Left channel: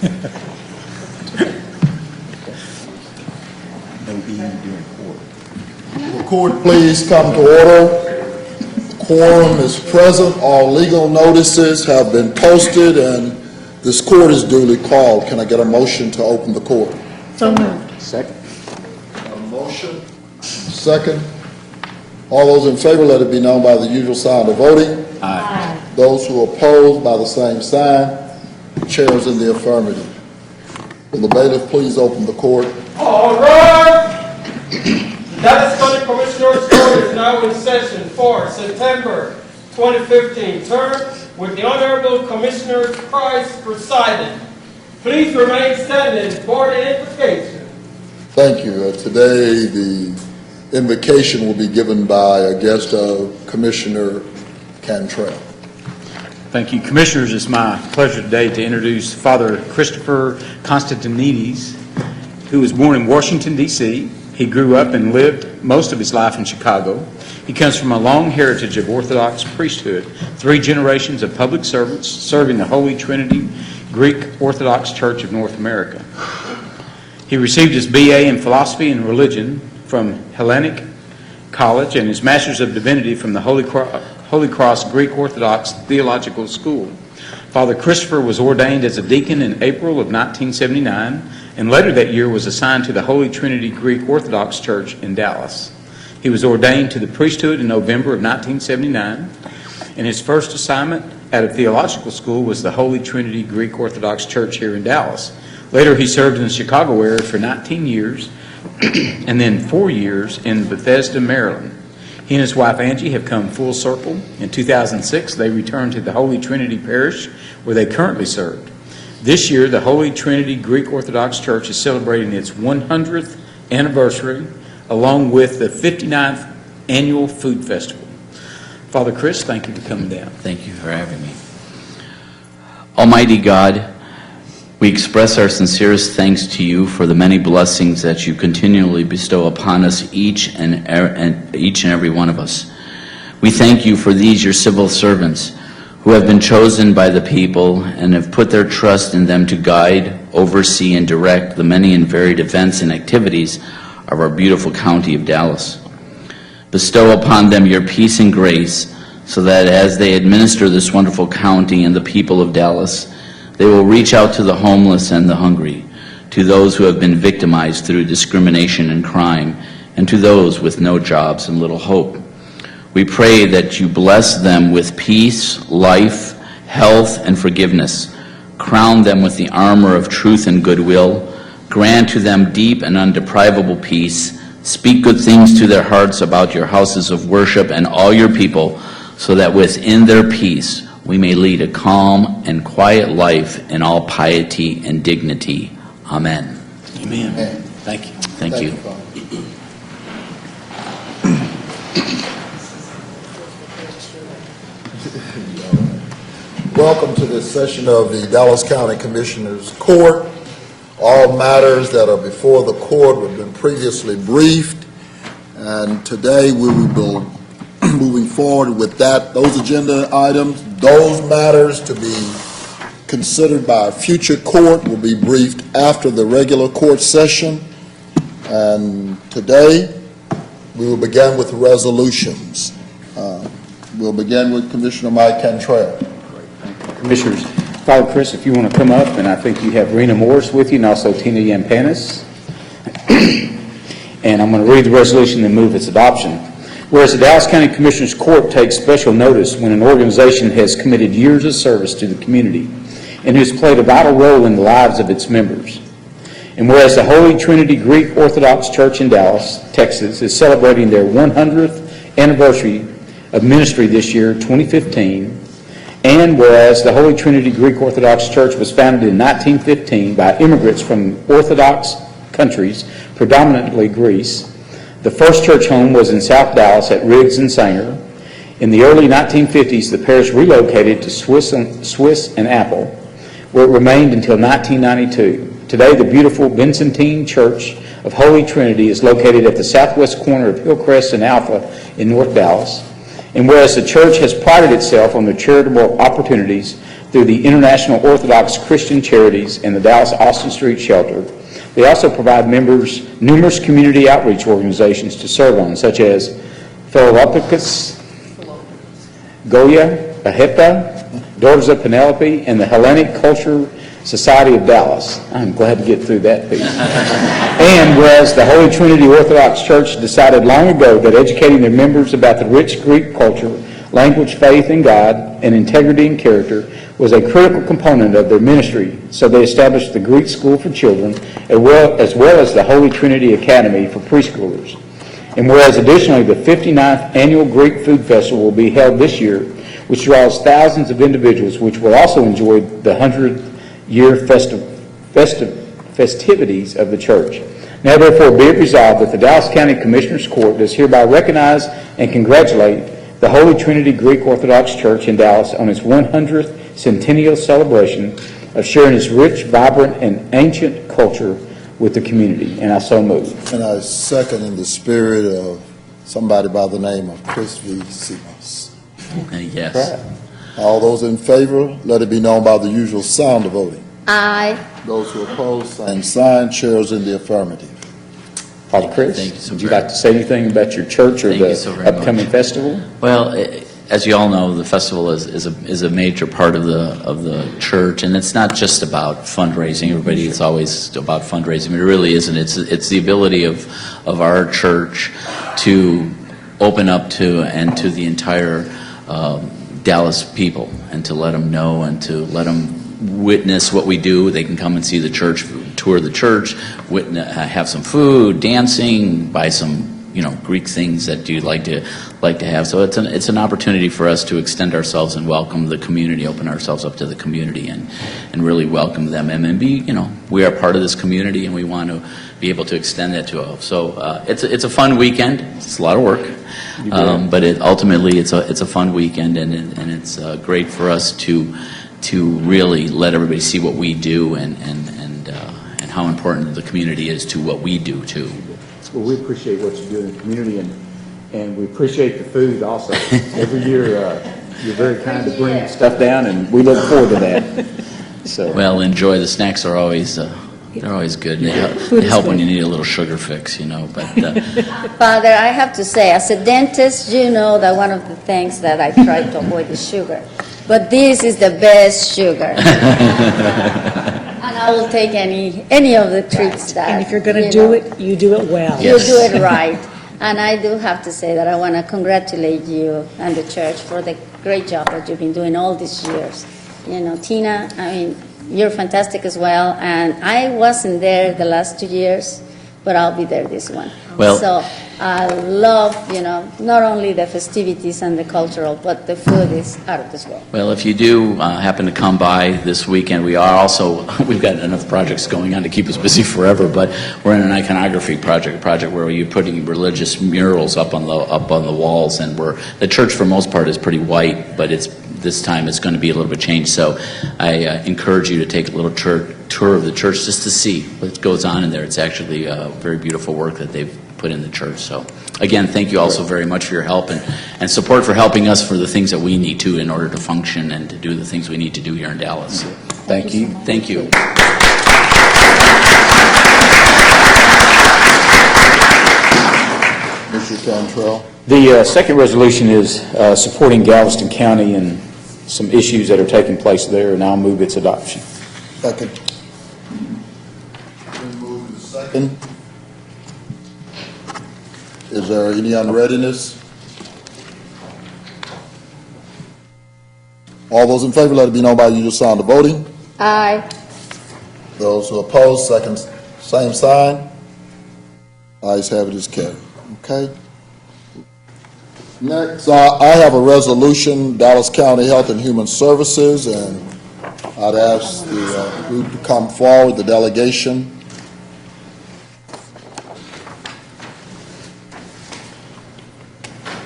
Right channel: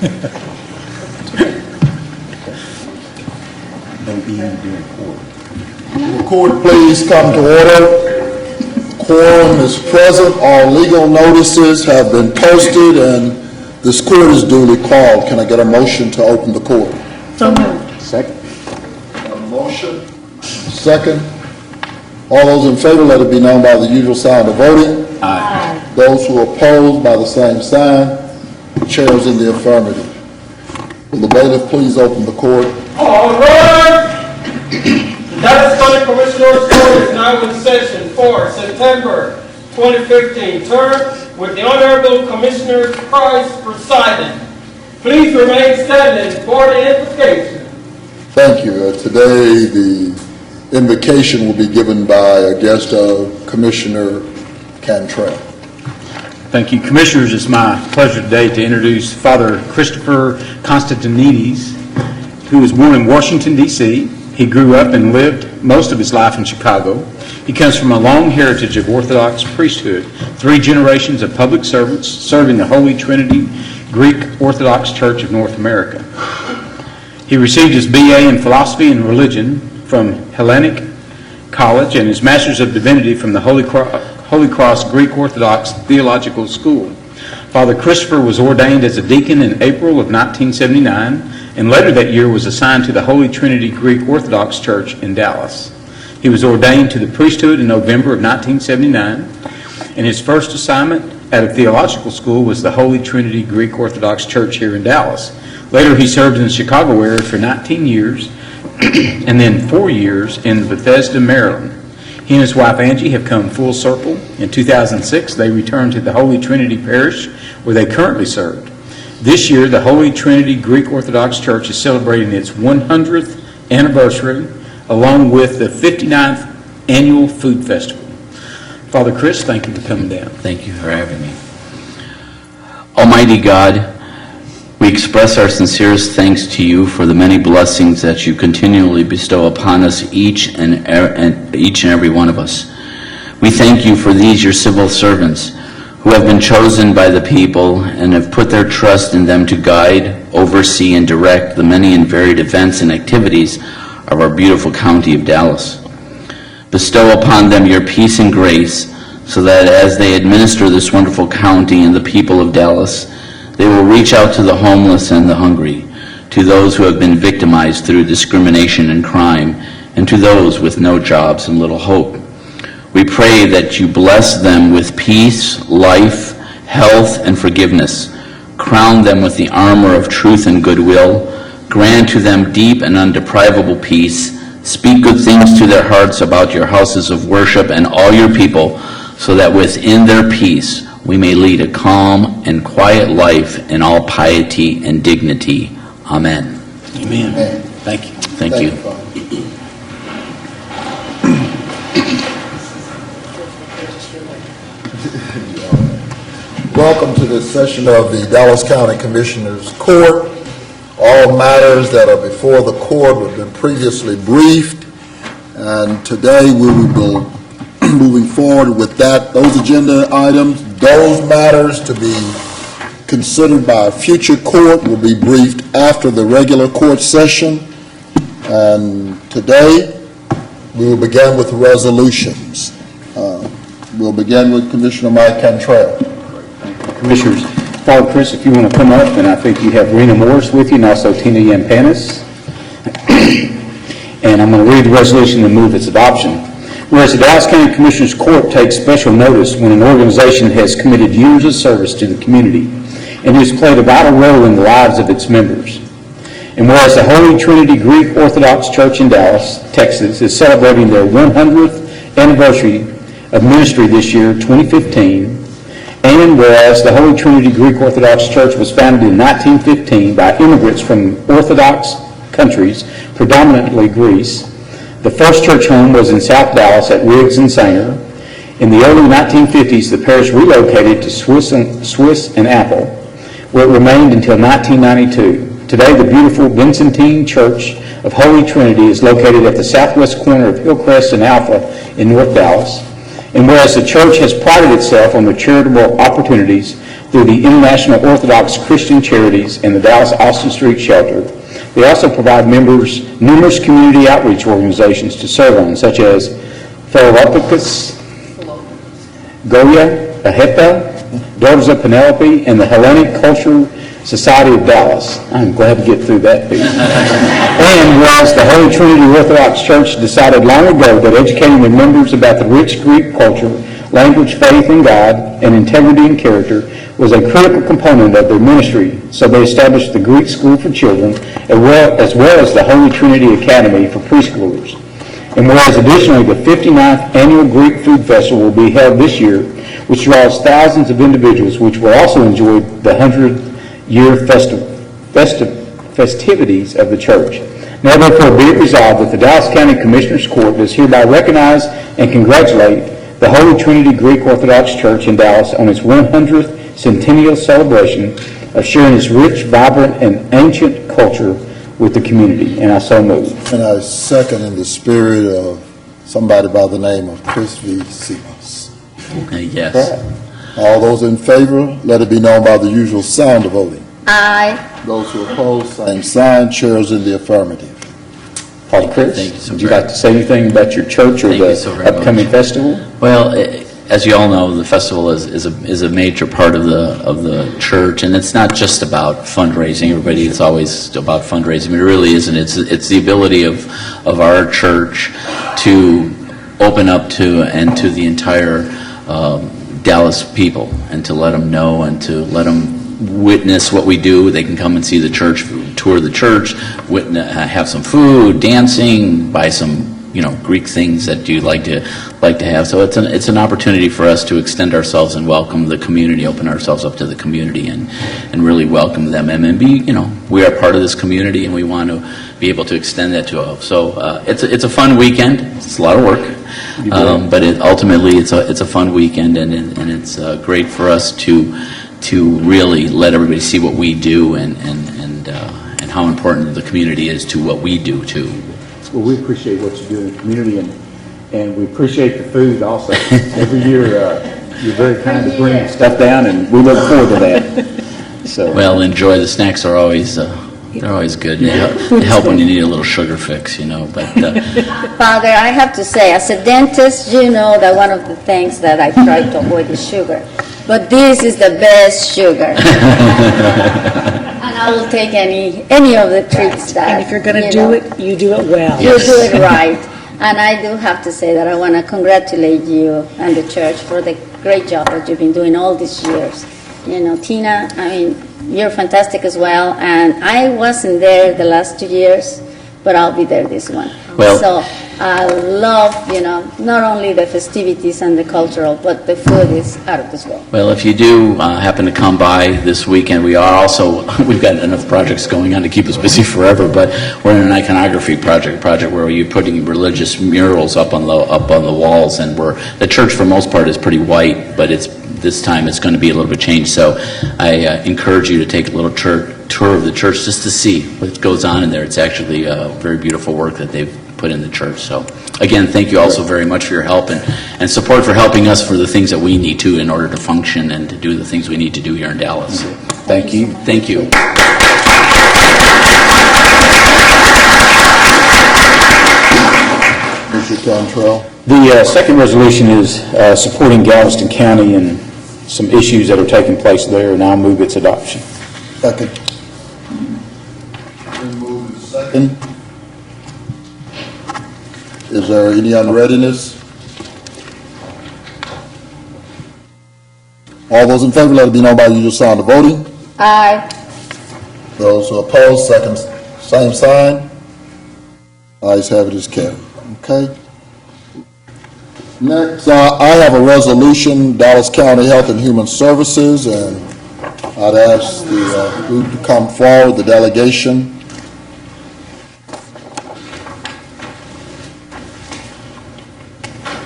No being during court. Will the court please come to order? Quorum is present. All legal notices have been posted, and this court is duly called. Can I get a motion to open the court? So moved. Second. A motion. Second. All those in favor, let it be known by the usual sign of voting. Aye. Those who oppose, by the same sign. The chair is in the affirmative. Will the bailiff please open the court? All right. The Dallas County Commissioners Court is now in session for September 2015 term with the Honorable Commissioner Price presiding. Please remain standing for the invocation. Thank you. Today, the invocation will be given by a guest of Commissioner Cantrell. Thank you, Commissioners. It's my pleasure today to introduce Father Christopher Constantinides, who was born in Washington, D.C. He grew up and lived most of his life in Chicago. He comes from a long heritage of Orthodox priesthood, 3 generations of public servants serving the Holy Trinity Greek Orthodox Church of North America. He received his B.A. in Philosophy and Religion from Hellenic College and his Master's of Divinity from the Holy Cross Greek Orthodox Theological School. Father Christopher was ordained as a deacon in April of 1979, and later that year was assigned to the Holy Trinity Greek Orthodox Church in Dallas. He was ordained to the priesthood in November of 1979, and his first assignment at a theological school was the Holy Trinity Greek Orthodox Church here in Dallas. Later he served in the Chicago area for 19 years, and then 4 years in Bethesda, Maryland. He and his wife Angie have come full circle. In 2006, they returned to the Holy Trinity Parish, where they currently served. This year, the Holy Trinity Greek Orthodox Church is celebrating its 100th anniversary, along with the 59th Annual Food Festival. Father Chris, thank you for coming down. Thank you for having me. Almighty God, we express our sincerest thanks to you for the many blessings that you continually bestow upon us, each and every one of us. We thank you for these, your civil servants, who have been chosen by the people and have put their trust in them to guide, oversee, and direct the many and varied events and activities of our beautiful county of Dallas. Bestow upon them your peace and grace, so that as they administer this wonderful county and the people of Dallas, they will reach out to the homeless and the hungry, to those who have been victimized through discrimination and crime, and to those with no jobs and little hope. We pray that you bless them with peace, life, health, and forgiveness. Crown them with the armor of truth and goodwill. Grant to them deep and undeprivable peace. Speak good things to their hearts about your houses of worship and all your people, so that within their peace we may lead a calm and quiet life in all piety and dignity. Amen. Amen. Amen. Thank you. Thank you. Father. Welcome to this session of the Dallas County Commissioners Court. All matters that are before the court have been previously briefed, and today we will be moving forward with those agenda items. Those matters to be considered by a future court will be briefed after the regular court session. And today we will begin with resolutions. We'll begin with Commissioner Mike Cantrell. Commissioners, Father Chris, if you want to come up, and I think you have Rena Morris with you, and also Tina Yampanis. And I'm going to read the resolution and move its adoption. Whereas the Dallas County Commissioners Court takes special notice when an organization has committed years of service to the community and has played a vital role in the lives of its members. And whereas the Holy Trinity Greek Orthodox Church in Dallas, Texas, is celebrating their 100th anniversary of ministry this year, 2015, and whereas the Holy Trinity Greek Orthodox Church was founded in 1915 by immigrants from Orthodox countries, predominantly Greece, the first church home was in South Dallas at Riggs and Sanger. In the early 1950s, the parish relocated to Swiss and Apple, where it remained until 1992. Today, the beautiful Byzantine Church of Holy Trinity is located at the southwest corner of Hillcrest and Alpha in North Dallas. And whereas the church has prided itself on the charitable opportunities through the International Orthodox Christian Charities and the Dallas Austin Street Shelter. They also provide members numerous community outreach organizations to serve on, such as Philadelphus, Goya, Ahepa, Daughters of Penelope, and the Hellenic Culture Society of Dallas. I'm glad to get through that piece. And whereas the Holy Trinity Orthodox Church decided long ago that educating their members about the rich Greek culture, language, faith in God, and integrity and character was a critical component of their ministry, so they established the Greek School for Children, as well as the Holy Trinity Academy for preschoolers. And whereas additionally the 59th Annual Greek Food Festival will be held this year, which draws thousands of individuals, which will also enjoy the 100-year festivities of the church. Now therefore be it resolved that the Dallas County Commissioners Court does hereby recognize and congratulate the Holy Trinity Greek Orthodox Church in Dallas on its 100th centennial celebration of sharing its rich, vibrant, and ancient culture with the community. And I so move. And I second in the spirit of somebody by the name of Chris V. Simmons. Yes. All those in favor, let it be known by the usual sound of voting. Aye. Those who oppose, same sign. Chairs in the affirmative. Father Chris, Thank you so would you very like to say anything about your church or Thank you the so very upcoming much. festival? Well, as you all know, the festival is a major part of the church, and it's not just about fundraising. Everybody, it's always about fundraising. It really isn't. It's the ability of our church to open up to the entire Dallas people, and to let them know and to let them witness what we do. They can come and see the church, tour the church, have some food, dancing, buy some Greek things that you like to have. So it's an opportunity for us to extend ourselves and welcome the community, open ourselves up to the community, and really welcome them, and be we are part of this community, and we want to be able to extend that to all. So it's a fun weekend. It's a lot of work, but ultimately it's a fun weekend, and it's great for us to really let everybody see what we do, and how important the community is to what we do too. Well, we appreciate what you do in the community, and we appreciate the food also. Every year, you're very kind to bring stuff down, and we look forward to that. So, Well, enjoy. The snacks are always they're always good. They help when you need a little sugar fix, But Father, I have to say, as a dentist, you know that one of the things that I try to avoid is sugar. But this is the best sugar. And I will take any of the treats that, And if you're going to do it, you do it well. You do it right. And I do have to say that I want to congratulate you and the church for the great job that you've been doing all these years. Tina, you're fantastic as well. And I wasn't there the last 2 years, but I'll be there this one. Well- So I love, not only the festivities and the cultural, but the food is out of this world. Well, if you do happen to come by this weekend, we've got enough projects going on to keep us busy forever, but we're in an iconography project where you're putting religious murals up on the walls, and the church for the most part is pretty white, but this time it's going to be a little bit changed. So I encourage you to take a little tour of the church just to see what goes on in there. It's actually very beautiful work that they've put in the church. So again, thank you also very much for your help and support, for helping us for the things that we need to in order to function and to do the things we need to do here in Dallas. thank you. Thank you. Mr. Cantrell. The second resolution is supporting Galveston County and some issues that are taking place there, and I'll move its adoption. Second. Been moved and second. Is there any unreadiness? All those in favor, let it be known by the usual sound of voting. Aye. Those who oppose, same sign. Ayes have it, is carried. Okay. Next, I have a resolution, Dallas County Health and Human Services, and I'd ask the group to come forward, the delegation.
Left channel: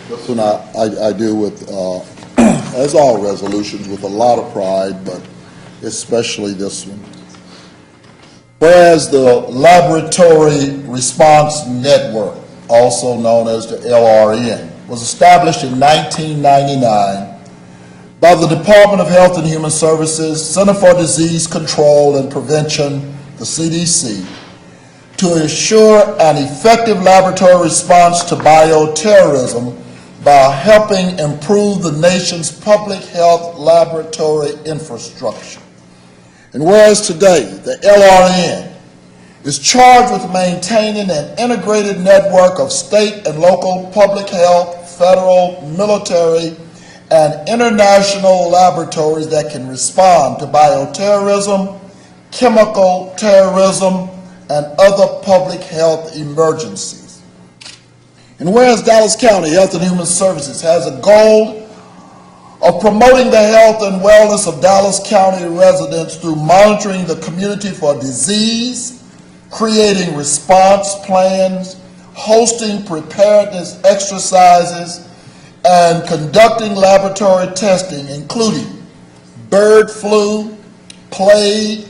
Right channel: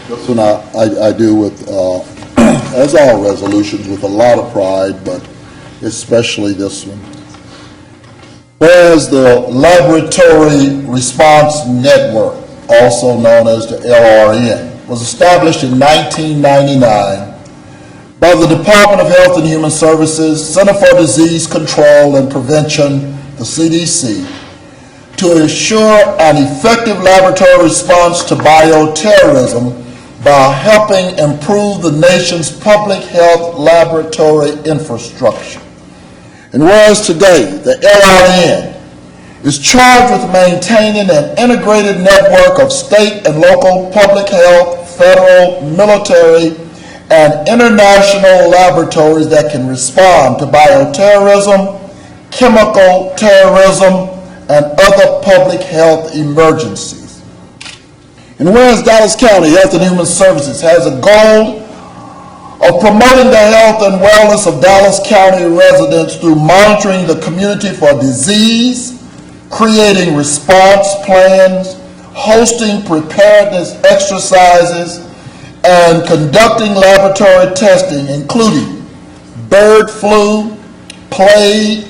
This one I do with, as all resolutions, with a lot of pride, but especially this one. Whereas the Laboratory Response Network, also known as the LRN, was established in 1999 by the Department of Health and Human Services, Center for Disease Control and Prevention, the CDC, to ensure an effective laboratory response to bioterrorism by helping improve the nation's public health laboratory infrastructure. And whereas today the LRN is charged with maintaining an integrated network of state and local public health, federal, military, and international laboratories that can respond to bioterrorism, chemical terrorism, and other public health emergencies. And whereas Dallas County Health and Human Services has a goal of promoting the health and wellness of Dallas County residents through monitoring the community for disease, creating response plans, hosting preparedness exercises, and conducting laboratory testing, including bird flu, plague,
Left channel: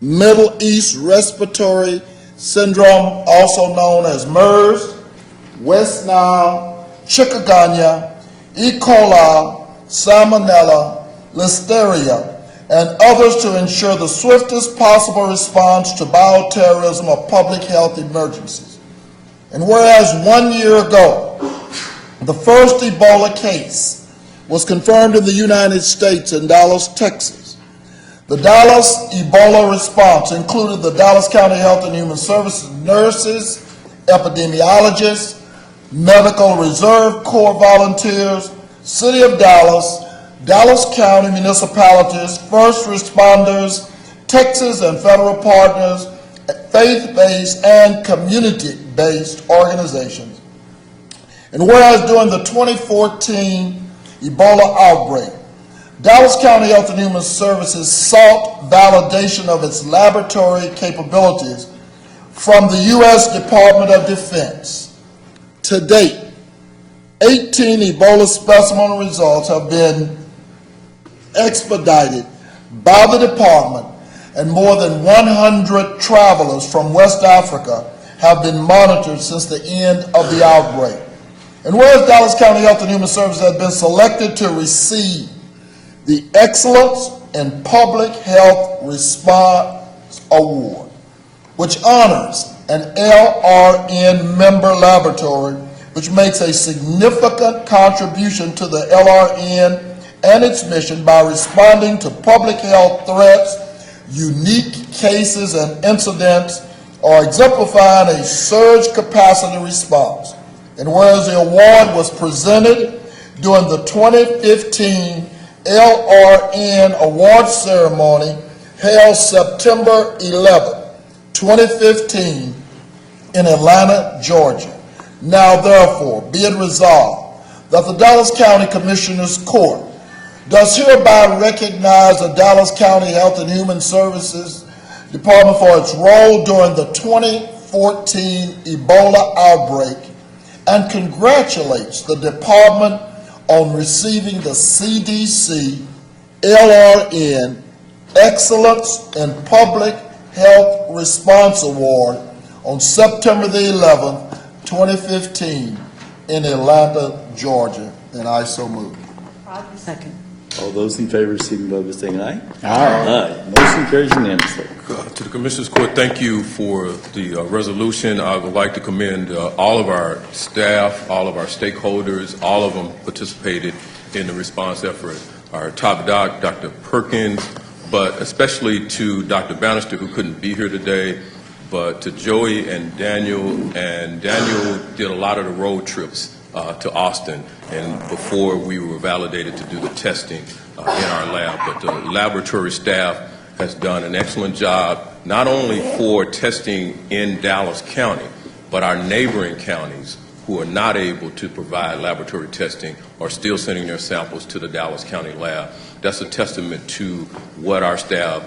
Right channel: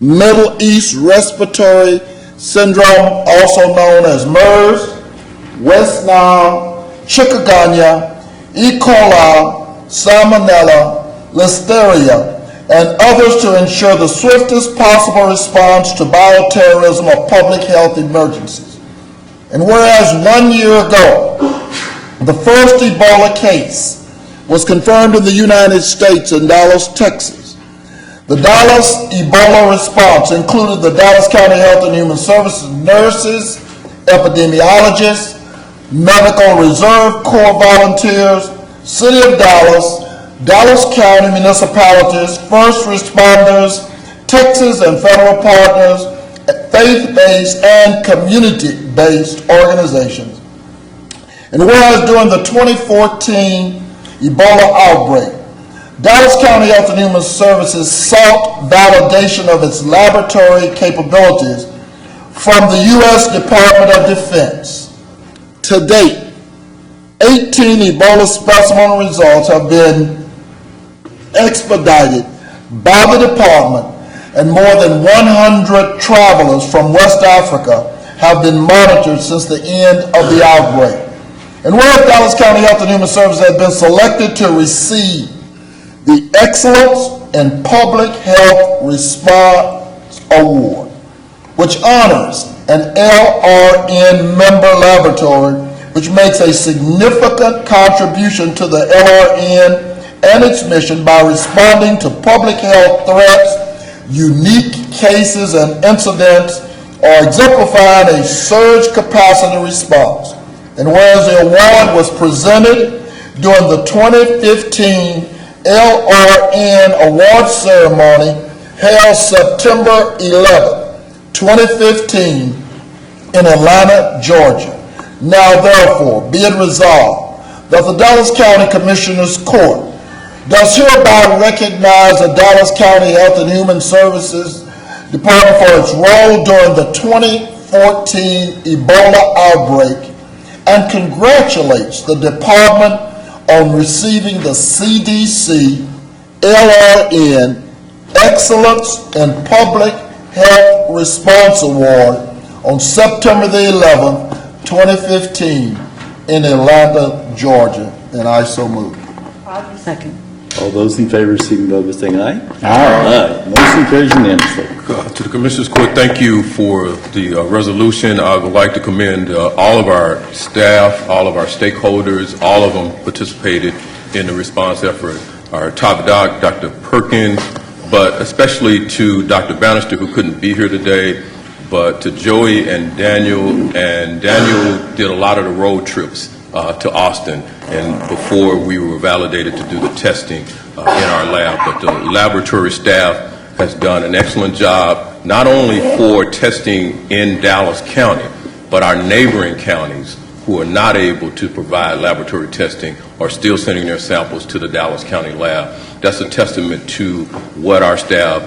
Middle East respiratory syndrome, also known as MERS, West Nile, chikungunya, E. coli, salmonella, listeria, and others to ensure the swiftest possible response to bioterrorism or public health emergencies. And whereas 1 year ago, the first Ebola case was confirmed in the United States in Dallas, Texas, the Dallas Ebola response included the Dallas County Health and Human Services nurses, epidemiologists, Medical Reserve Corps volunteers, City of Dallas, Dallas County municipalities, first responders, Texas and federal partners, faith-based and community-based organizations. And whereas during the 2014 Ebola outbreak, Dallas County Health and Human Services sought validation of its laboratory capabilities from the U.S. Department of Defense. To date, 18 Ebola specimen results have been expedited by the department, and more than 100 travelers from West Africa have been monitored since the end of the outbreak. And whereas Dallas County Health and Human Services has been selected to receive the Excellence in Public Health Response Award, which honors an LRN member laboratory which makes a significant contribution to the LRN and its mission by responding to public health threats, unique cases and incidents, or exemplifying a surge capacity response. And whereas the award was presented during the 2015 LRN award ceremony held September 11, 2015 in Atlanta, Georgia. Now therefore, be it resolved that the Dallas County Commissioners Court does hereby recognize the Dallas County Health and Human Services Department for its role during the 2014 Ebola outbreak and congratulates the department on receiving the CDC LRN Excellence in Public Health Response Award on September the 11th, 2015 in Atlanta, Georgia, and I so move. Second. All those in favor, signify by saying aye. Aye. Motion carries unanimously. To the Commissioners Court, thank you for the resolution. I would like to commend all of our staff, all of our stakeholders, all of them participated in the response effort. Our top doc, Dr. Perkins, but especially to Dr. Bannister, who couldn't be here today, but to Joey and Daniel. And Daniel did a lot of the road trips to Austin, and before we were validated to do the testing in our lab. But the laboratory staff has done an excellent job, not only for testing in Dallas County, but our neighboring counties who are not able to provide laboratory testing are still sending their samples to the Dallas County lab. That's a testament to what our staff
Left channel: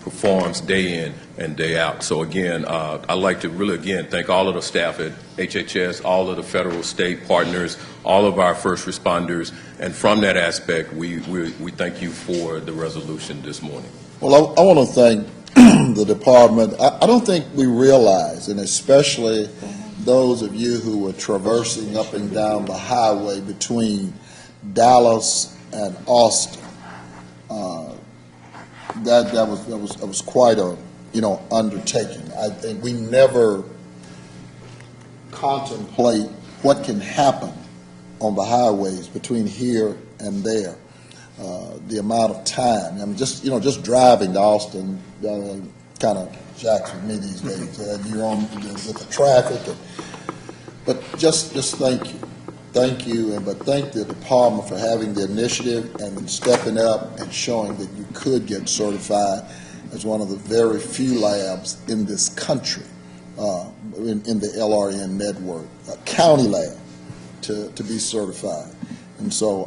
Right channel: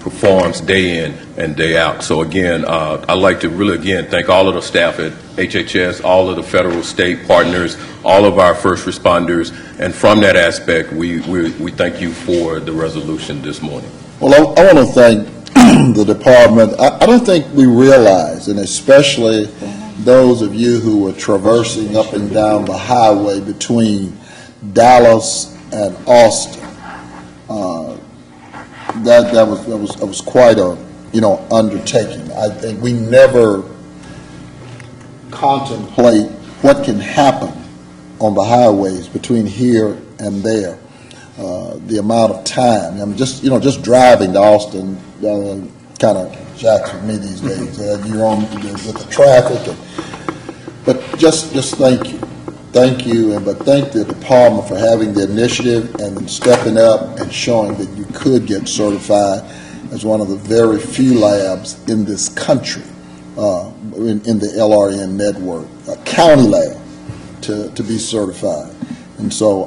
performs day in and day out. So again, I'd like to really again thank all of the staff at HHS, all of the federal, state partners, all of our first responders, and from that aspect, we thank you for the resolution this morning. Well, I want to thank the department. I don't think we realize, and especially those of you who were traversing up and down the highway between Dallas and Austin. That was quite a, undertaking. I think we never contemplate what can happen on the highways between here and there. The amount of time, I mean, just driving to Austin kind of jacks with me these days. You're on with the traffic, but just thank you. Thank you, but thank the department for having the initiative and then stepping up and showing that you could get certified as one of the very few labs in this country, in the LRN network, a county lab, to be certified. And so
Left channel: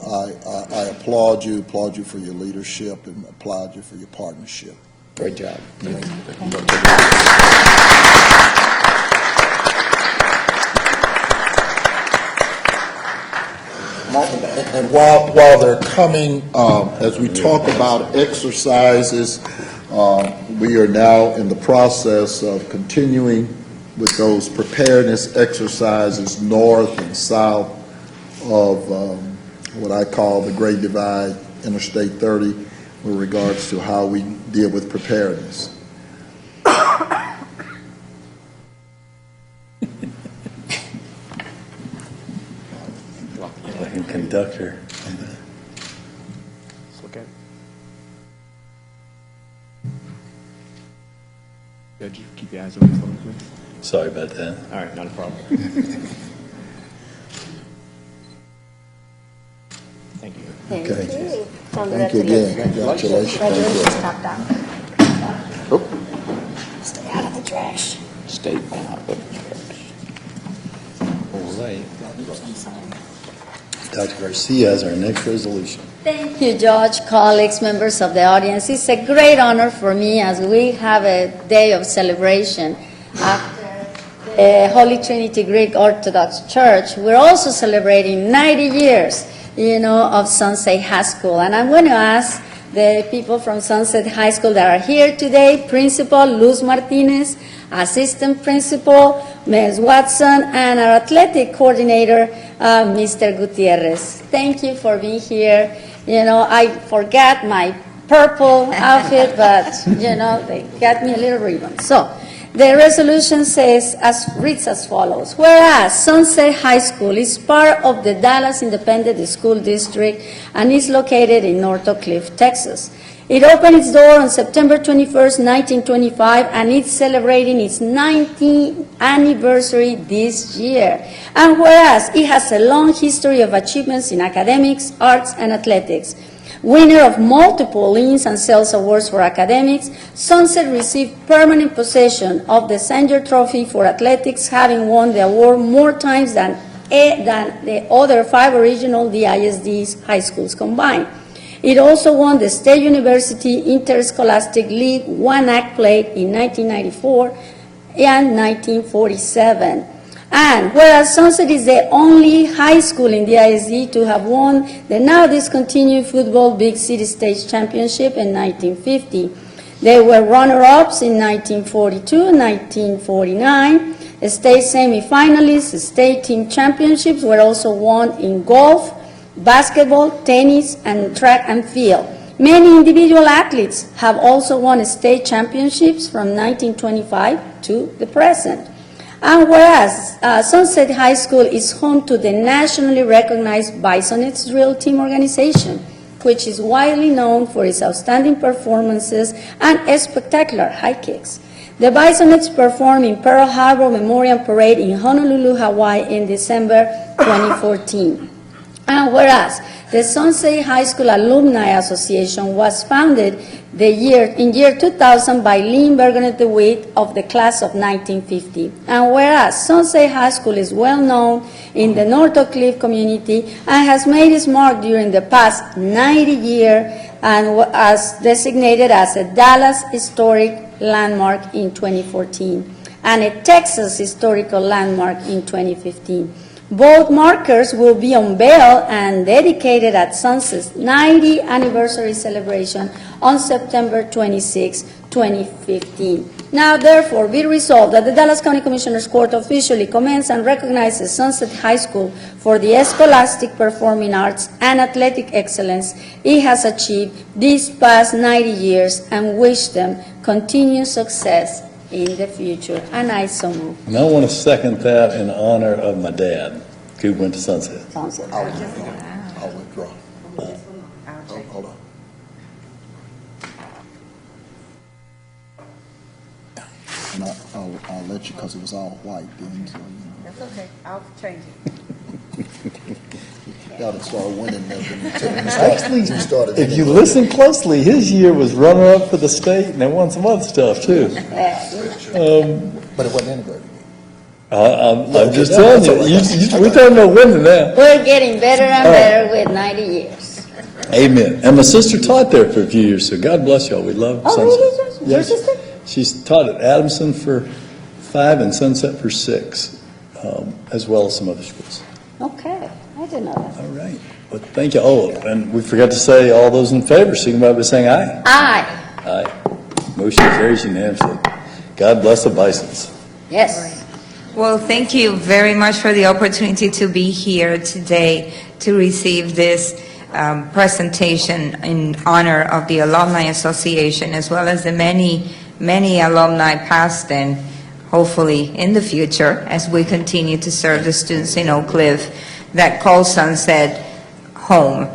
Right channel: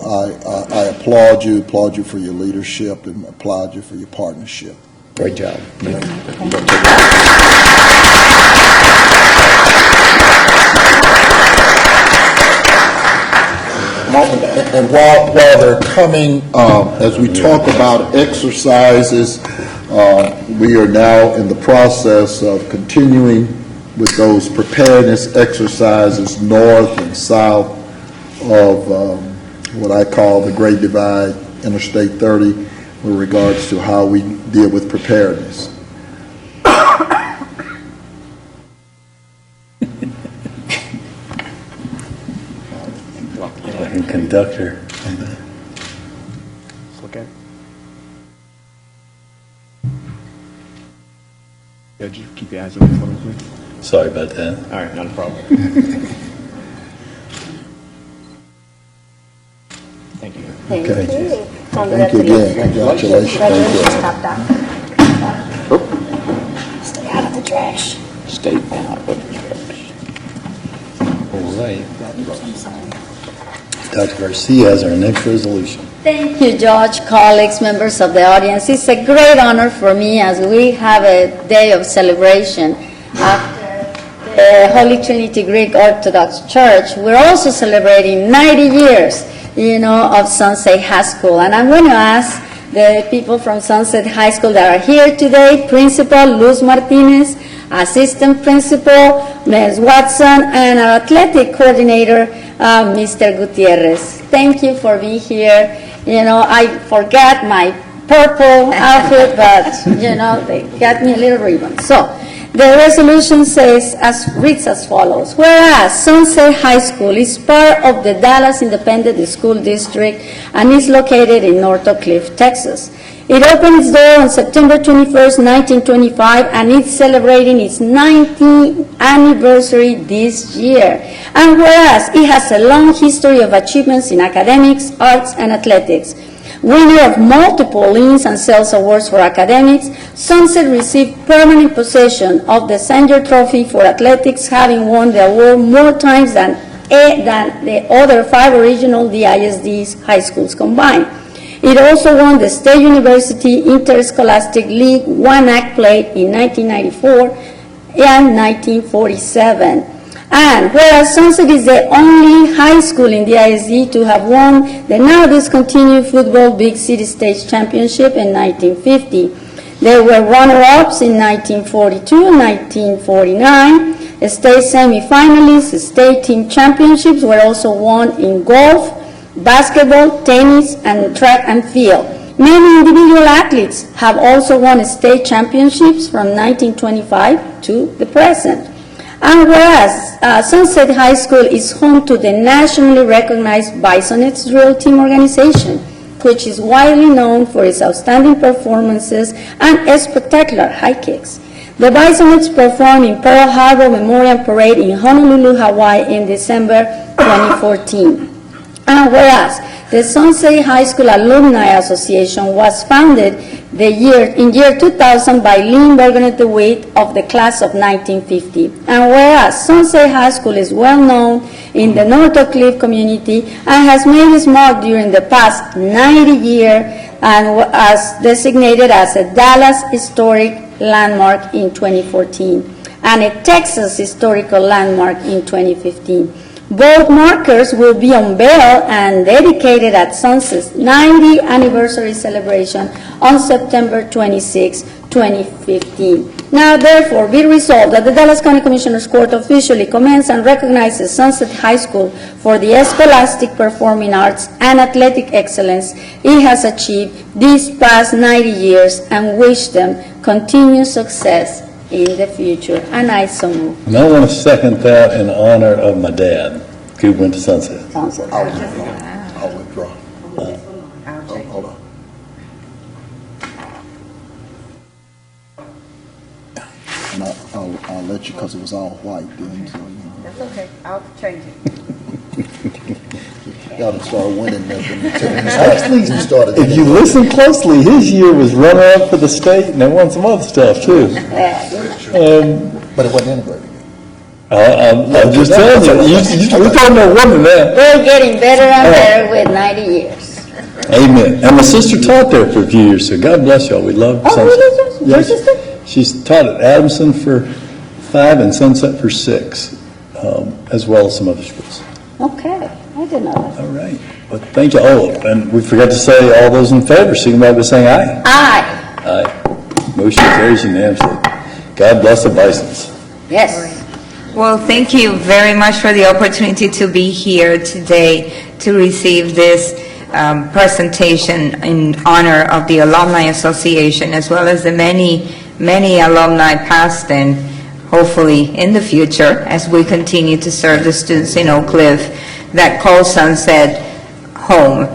I applaud you for your leadership and applaud you for your partnership. Great job. And while they're coming, as we talk about exercises, we are now in the process of continuing with those preparedness exercises north and south of what I call the Great Divide, Interstate 30, with regards to how we deal with preparedness. Like a conductor. Okay. Could you keep your eyes open for me, please? Sorry about that. All right, not a problem. Thank you. Thank Okay. you. Thank you Congratulations. again. Congratulations. Thank Congratulations, top down. Stay out of the trash. Stay out of the All right. Dr. Garcia has our next resolution. Thank you, Judge, colleagues, members of the audience. It's a great honor for me as we have a day of celebration after the Holy Trinity Greek Orthodox Church. We're also celebrating 90 years, of Sunset High School. And I'm going to ask the people from Sunset High School that are here today, Principal Luz Martinez, Assistant Principal Ms. Watson, and our athletic coordinator, Mr. Gutierrez. Thank you for being here. I forgot my purple outfit, but, they got me a little ribbon. So, the resolution reads as follows. Whereas Sunset High School is part of the Dallas Independent School District and is located in North Oak Cliff, Texas. It opened its door on September 21st, 1925, and it's celebrating its 19th anniversary this year. And whereas it has a long history of achievements in academics, arts, and athletics, winner of multiple Leans and Sales Awards for academics, Sunset received permanent possession of the Sanger Trophy for athletics, having won the award more times than the other 5 original DISD high schools combined. It also won the State University Interscholastic League 1-act play in 1994 and 1947. And whereas Sunset is the only high school in the ISD to have won the now discontinued Football Big City State Championship in 1950. They were runner-ups in 1942 and 1949. State semifinalists, state team championships were also won in golf, basketball, tennis, and track and field. Many individual athletes have also won state championships from 1925 to the present. And whereas Sunset High School is home to the nationally recognized Bisonets Drill Team organization, which is widely known for its outstanding performances and spectacular high kicks. The Bisonets performed in Pearl Harbor Memorial Parade in Honolulu, Hawaii in December 2014. And whereas the Sunset High School Alumni Association was founded in year 2000 by Lynn Bergenet DeWitt of the class of 1950. And whereas Sunset High School is well known in the North Oak Cliff community and has made its mark during the past 90 years and as designated as a Dallas Historic Landmark in 2014 and a Texas Historical Landmark in 2015. Both markers will be unveiled and dedicated at Sunset's 90th anniversary celebration on September 26, 2015. Now, therefore, be resolved that the Dallas County Commissioners Court officially commends and recognizes Sunset High School for the scholastic performing arts and athletic excellence it has achieved these past 90 years and wish them continued success in the future. And I so move. And I want to second that in honor of my dad, who went to Sunset. Sunset. I'll withdraw. Hold on. And I'll let you, because it was all white then, so, That's okay, I'll change it. you gotta start winning that. Actually, you started. If you listen closely, his year was runner-up for the state, and they won some other stuff, too. But it wasn't integrated. I'm just telling you, we're talking about winning that. We're getting better and better with 90 years. Amen. And my sister taught there for a few years, so God bless y'all. We love Oh, Sunset. really? Your Yes. sister? She's taught at Adamson for 5 and Sunset for 6, as well as some other schools. Okay, I didn't know that. All right. But thank you. Oh, and we forgot to say, all those in favor, signify by saying aye. Aye. Aye. Motion carries unanimously. God bless the Bisons. Yes. Well, thank you very much for the opportunity to be here today to receive this presentation in honor of the Alumni Association, as well as the many alumni past and hopefully in the future as we continue to serve the students in Oak Cliff that call Sunset home.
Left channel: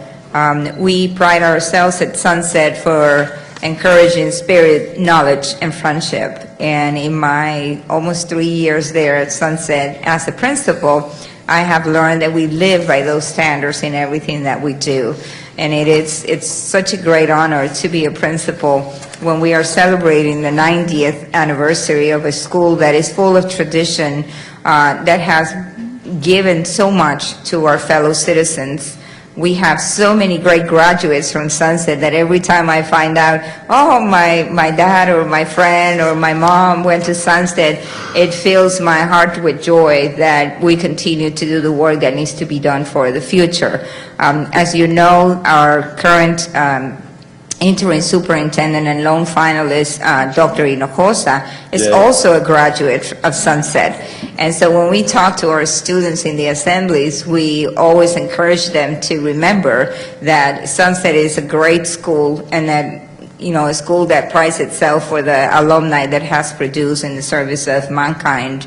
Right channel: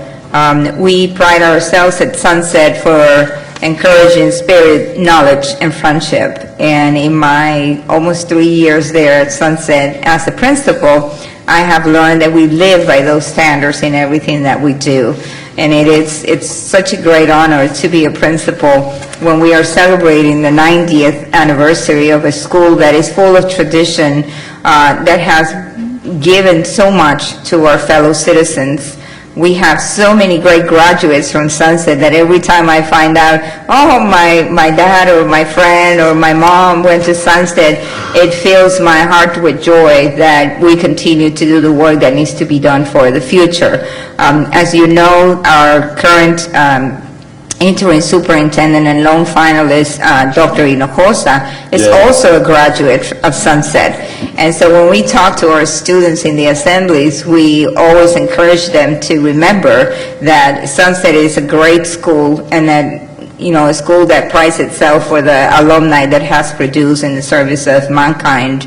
We pride ourselves at Sunset for encouraging spirit, knowledge, and friendship. And in my almost 3 years there at Sunset as a principal, I have learned that we live by those standards in everything that we do. And it's such a great honor to be a principal when we are celebrating the 90th anniversary of a school that is full of tradition, that has given so much to our fellow citizens. We have so many great graduates from Sunset that every time I find out, oh, my dad or my friend or my mom went to Sunset, it fills my heart with joy that we continue to do the work that needs to be done for the future. As you know, our current interim superintendent and loan finalist, Dr. Hinojosa, is also a graduate of Sunset. And so when we talk to our students in the assemblies, we always encourage them to remember that Sunset is a great school and that, you know, a school that prides itself for the alumni that has produced in the service of mankind.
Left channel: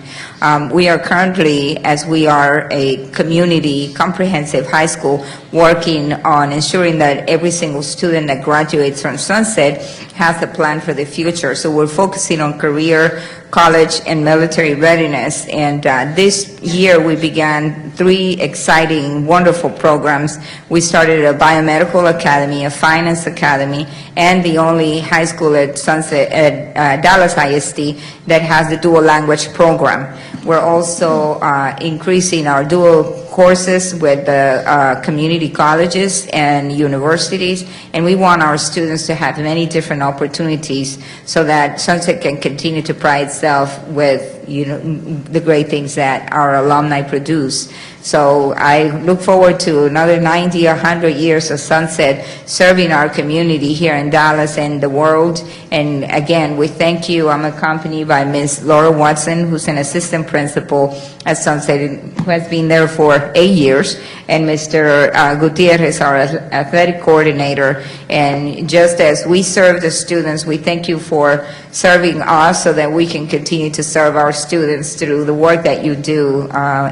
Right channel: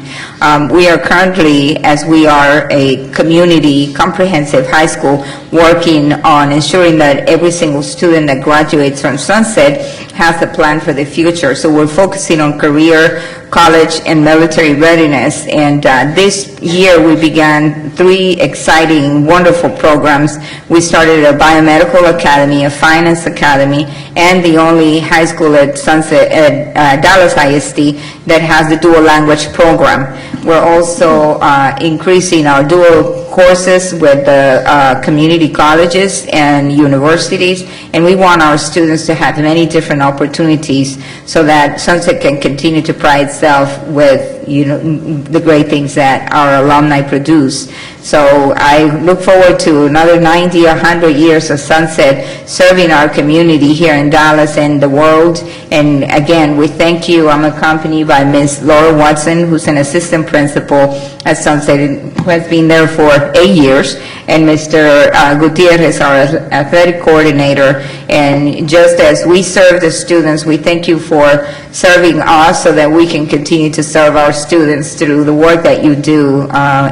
We are currently, as we are a community comprehensive high school, working on ensuring that every single student that graduates from Sunset has a plan for the future. So we're focusing on career, college, and military readiness. And this year we began 3 exciting, wonderful programs. We started a biomedical academy, a finance academy, and the only high school at Sunset, at Dallas ISD, that has the dual language program. We're also increasing our dual courses with the community colleges and universities, and we want our students to have many different opportunities so that Sunset can continue to pride itself with, you know, the great things that our alumni produce. So I look forward to another 90 or 100 years of Sunset serving our community here in Dallas and the world. And again, we thank you. I'm accompanied by Ms. Laura Watson, who's an assistant principal at Sunset, who has been there for 8 years, and Mr. Gutierrez, our athletic coordinator. And just as we serve the students, we thank you for serving us so that we can continue to serve our students through the work that you do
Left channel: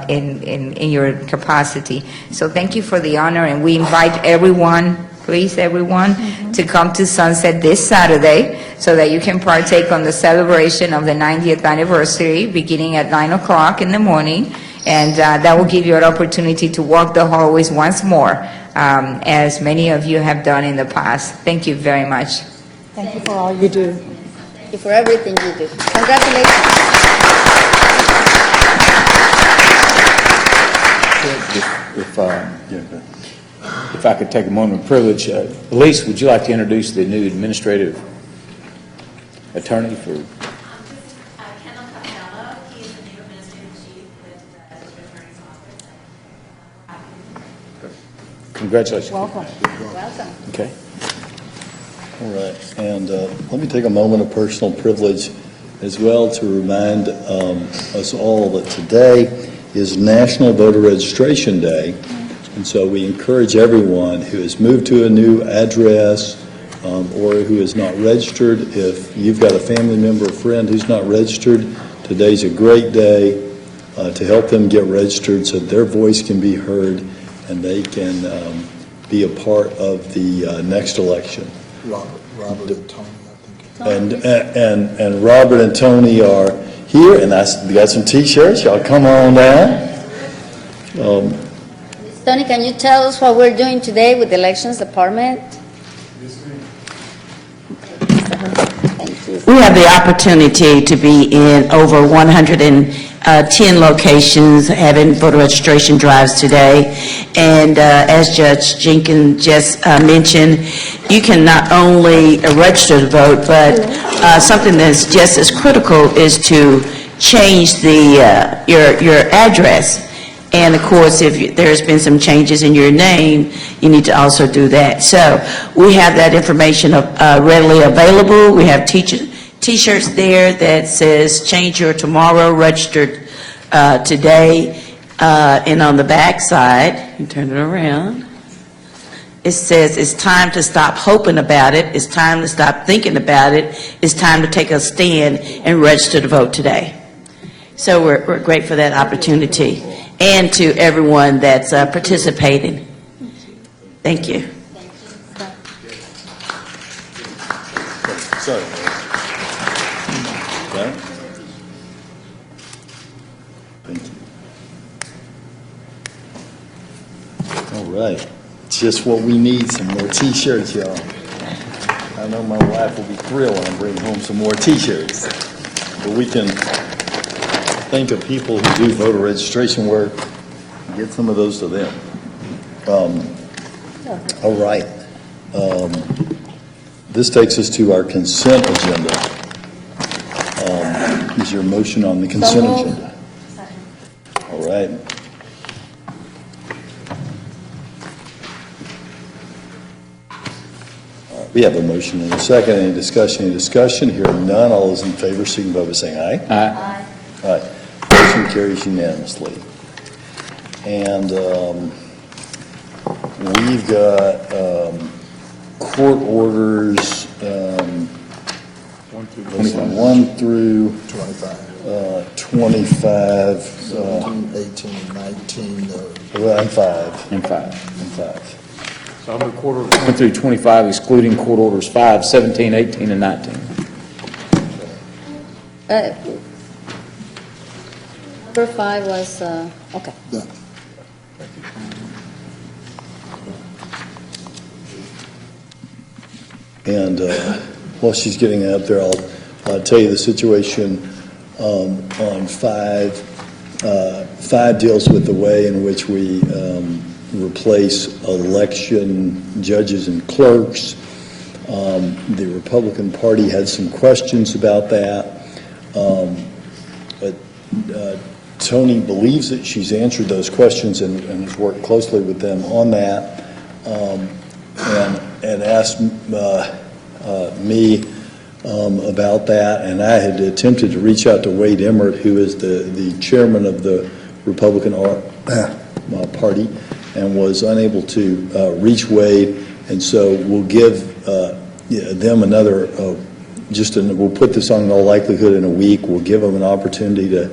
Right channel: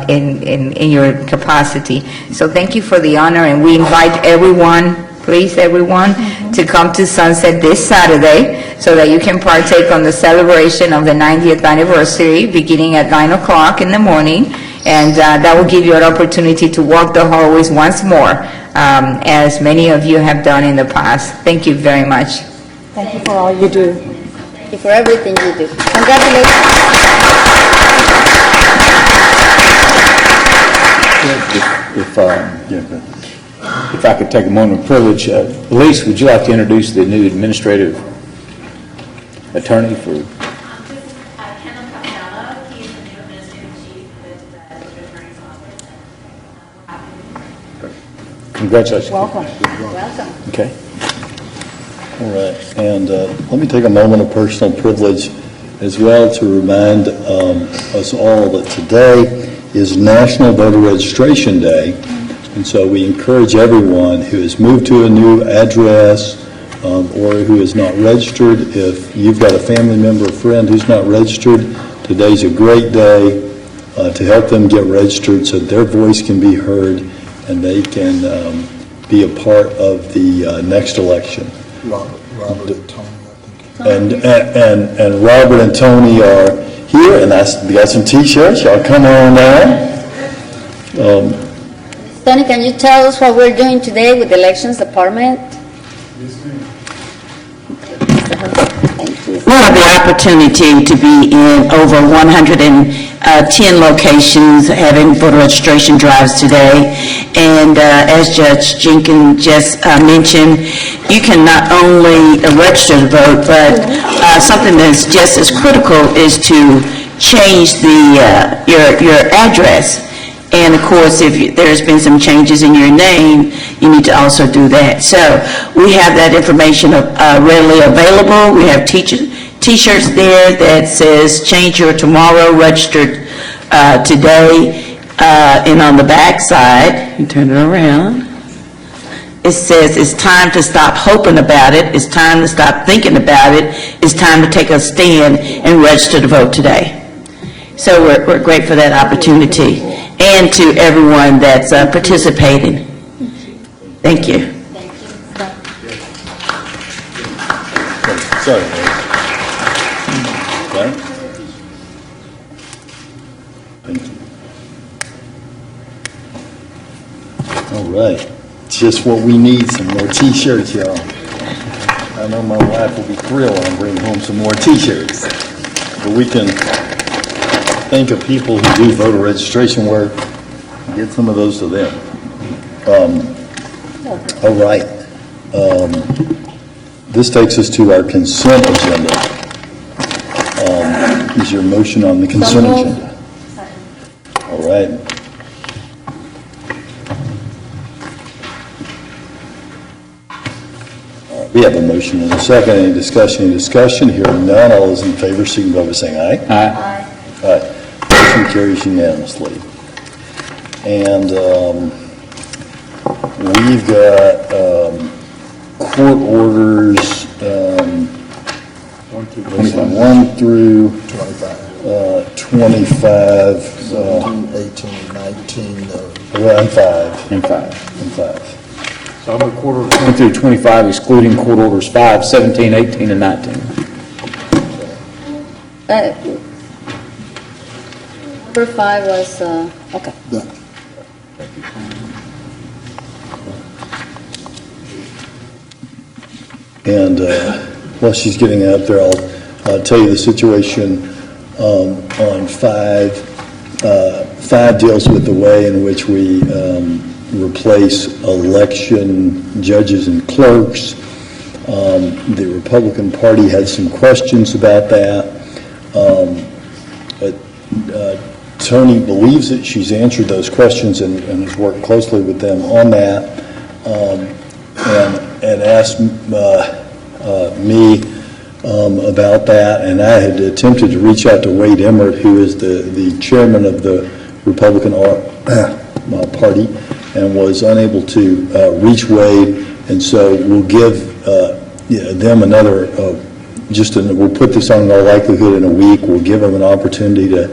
in your capacity. So thank you for the honor, and we invite everyone, please everyone, to come to Sunset this Saturday so that you can partake on the celebration of the 90th anniversary beginning at 9 o'clock in the morning. And that will give you an opportunity to walk the hallways once more, as many of you have done in the past. Thank you very much. Thank you for all you do. Thank you for everything you do. Congratulations. If I could take a moment of privilege, Elise, would you like to introduce the new administrative attorney for? Kenneth Costello, he's the new administrative chief with the District Attorney's Office. Congratulations. Welcome. Welcome. Okay. All right, and let me take a moment of personal privilege as well to remind us all that today is National Voter Registration Day, and so we encourage everyone who has moved to a new address or who is not registered, if you've got a family member or friend who's not registered, today's a great day to help them get registered so their voice can be heard and they can be a part of the next election. Robert and Tony, I think. And Robert and Tony are here, and we got some T-shirts. Y'all come on down. Tony, can you tell us what we're doing today with the Elections Department? We have the opportunity to be in over 110 locations having voter registration drives today. And as Judge Jenkins just mentioned, you can not only register to vote, but something that's just as critical is to change your address. And of course, if there's been some changes in your name, you need to also do that. So we have that information readily available. We have T-shirts there that says "Change your tomorrow, registered today," and on the back side, you turn it around. It says it's time to stop hoping about it. It's time to stop thinking about it. It's time to take a stand and register to vote today. So we're great for that opportunity, and to everyone that's participating. Thank you. Sorry. Okay. Thank you. All right. Just what we need, some more T-shirts, y'all. I know my wife will be thrilled when I bring home some more T-shirts. But we can think of people who do voter registration work, get some of those to them. All right. This takes us to our consent agenda. Is your motion on the consent agenda? All right. We have a motion and a second. Any discussion? Hearing none. All those in favor signify by saying aye. Aye. Aye. Motion carries unanimously. And we've got court orders 1 through 25. 17, 18, 19, Well, and 5. And 5. So I'm a court orders 1 through 25, excluding court orders 5, 17, 18, and 19. Number 5 was, okay. And while she's getting out there, I'll tell you the situation on 5. 5 deals with the way in which we replace election judges and clerks. The Republican Party had some questions about that. But Tony believes that she's answered those questions and has worked closely with them on that, and asked me about that, and I had attempted to reach out to Wade Emmert, who is the chairman of the Republican Party, and was unable to reach Wade, and so we'll give them another, we'll put this on in all likelihood in a week. We'll give them an opportunity to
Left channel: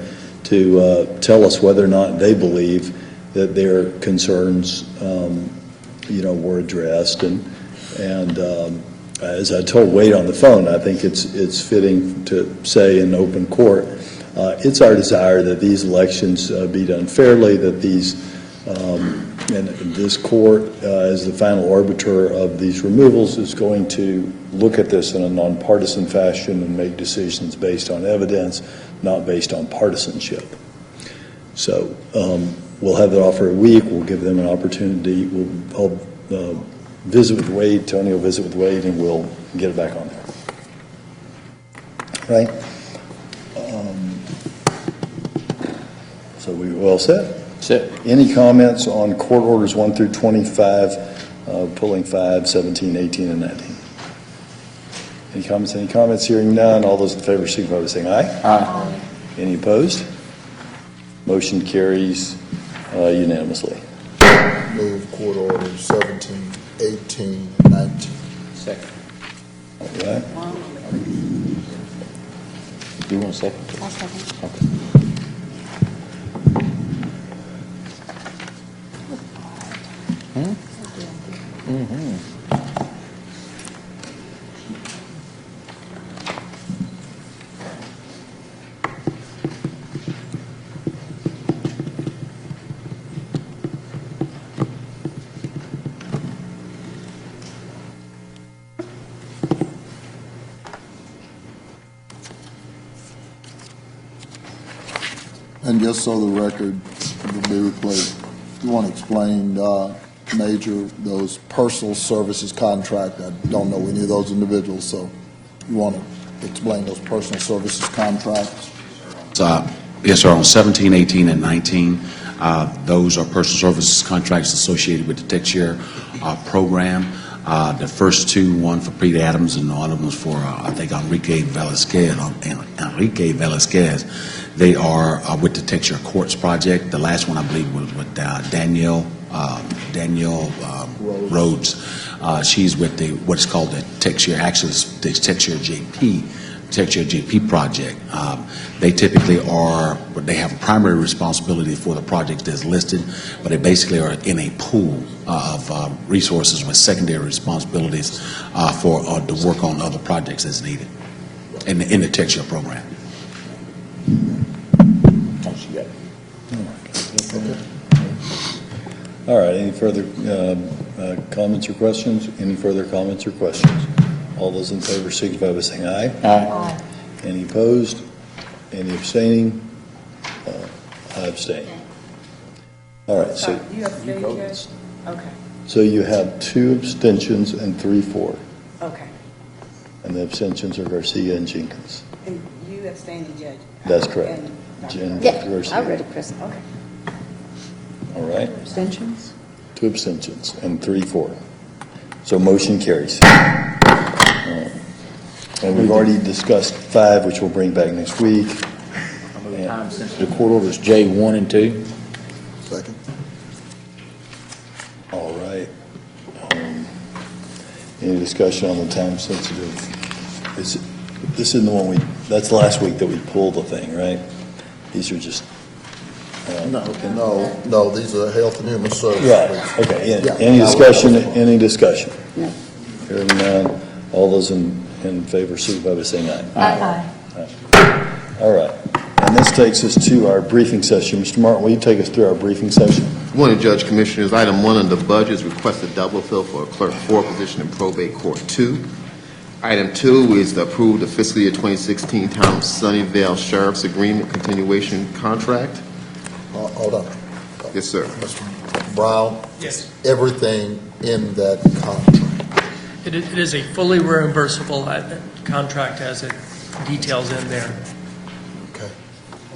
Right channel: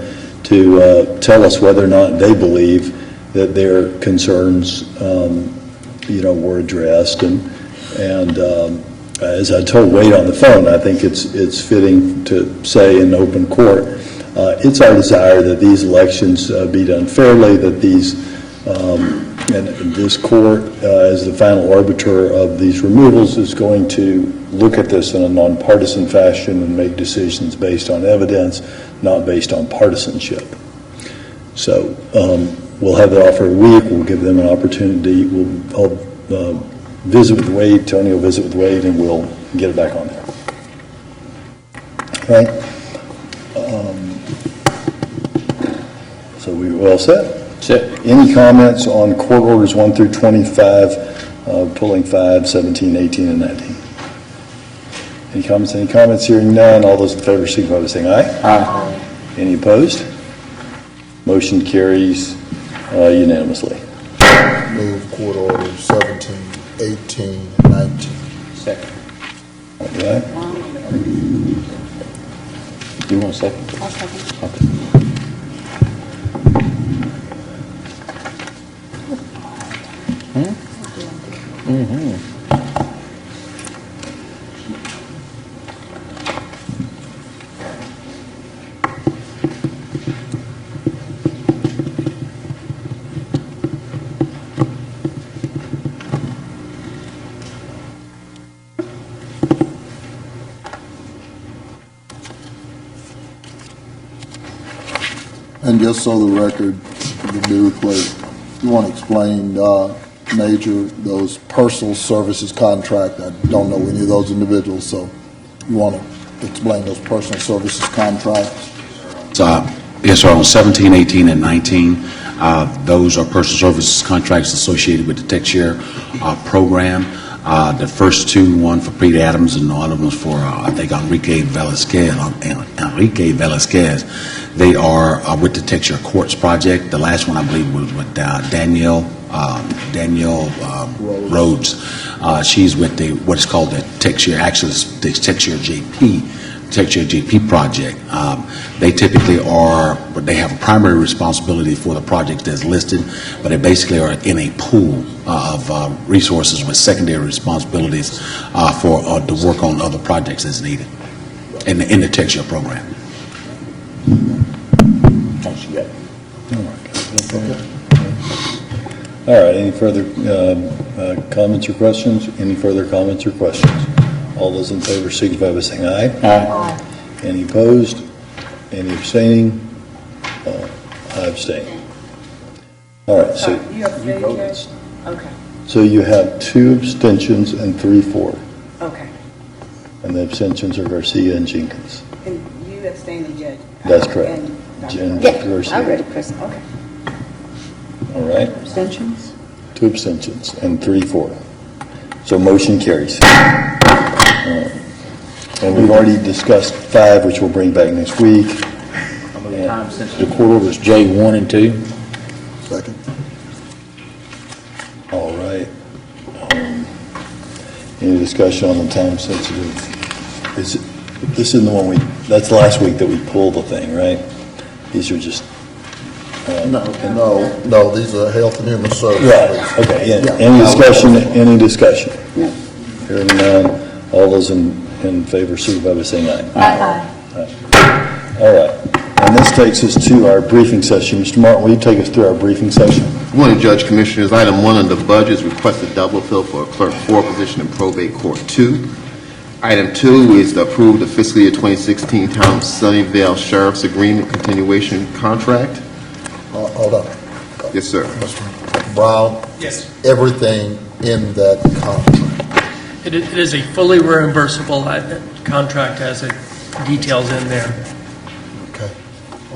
tell us whether or not they believe that their concerns, were addressed. And as I told Wade on the phone, I think it's fitting to say in open court, it's our desire that these elections be done fairly, that and this court, as the final arbiter of these removals, is going to look at this in a nonpartisan fashion and make decisions based on evidence, not based on partisanship. So we'll have that offer a week. We'll give them an opportunity. I'll visit with Wade. Tony will visit with Wade, and we'll get it back on there. All right. So we all set? Set. Any comments on court orders 1 through 25, pulling 5, 17, 18, and 19? Any comments? Any comments? Hearing none. All those in favor signify by saying aye. Aye. Any opposed? Motion carries unanimously. Move court orders 17, 18, and 19. Second. All right. Do you want a second? I'll second. Okay. And just so the record, the due request, you want to explain, Major, those personal services contract? I don't know any of those individuals, so you want to explain those personal services contracts? Yes, sir, on 17, 18, and 19, those are personal services contracts associated with the TechShare program. The first two, one for Pete Adams and the other one was for, I think, Enrique Velasquez. They are with the TechShare Courts project. The last one, I believe, was with Danielle Rhodes. She's with what is called the TechShare, actually, it's the TechShare JP project. They typically they have a primary responsibility for the project that's listed, but they basically are in a pool of resources with secondary responsibilities to work on other projects as needed in the TechShare program. All right, any further comments or questions? Any further comments or questions? All those in favor signify by saying aye. Aye. Any opposed? Any abstaining? I abstain. All right, so You abstained, Judge? Okay, so you have 2 abstentions and 3 for, okay. and the abstentions are Garcia and Jenkins. And you abstained, and Judge? That's correct. And Dr. Jen- Yeah, Dr. Garcia. I already present. Okay. All right, Abstentions? 2 abstentions and 3 for. So motion carries. And we've already discussed 5, which we'll bring back next week. The court orders J1 and 2. Second. All right. Any discussion on the time sensitive? This isn't the one that's last week that we pulled the thing, right? These are just, No, these are health and human services. right, okay, yeah. Yeah. Any discussion, any discussion? No. Hearing none, all those in favor, signify by saying aye. Aye. All right, and this takes us to our briefing session. Mr. Martin, will you take us through our briefing session? Good morning, Judge Commissioners. Item 1 under budgets, requested double fill for a clerk 4 position in probate court 2. Item 2 is to approve the fiscal year 2016 Town of Sunnyvale Sheriff's Agreement continuation contract. Hold on. Yes, sir. Mr. Brown, Yes. everything in that contract. It is a fully reimbursable contract as it details in there. Okay.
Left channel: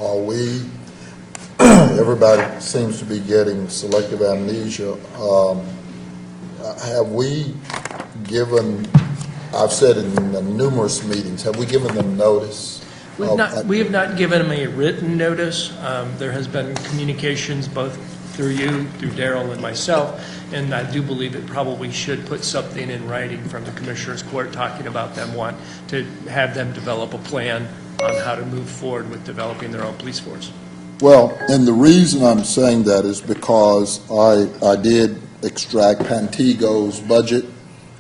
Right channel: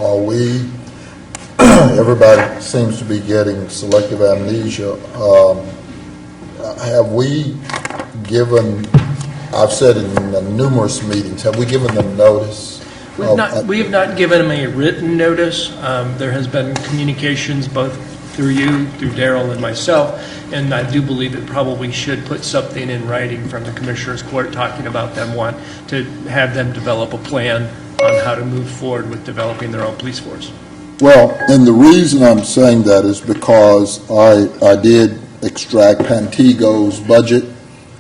Are we, everybody seems to be getting selective amnesia. Have we given, I've said it in numerous meetings, have we given them notice? We have not given them a written notice. There has been communications both through you, through Darrell and myself, and I do believe it probably should put something in writing from the Commissioner's Court talking about them want to have them develop a plan on how to move forward with developing their own police force. Well, and the reason I'm saying that is because I did extract Pantego's budget,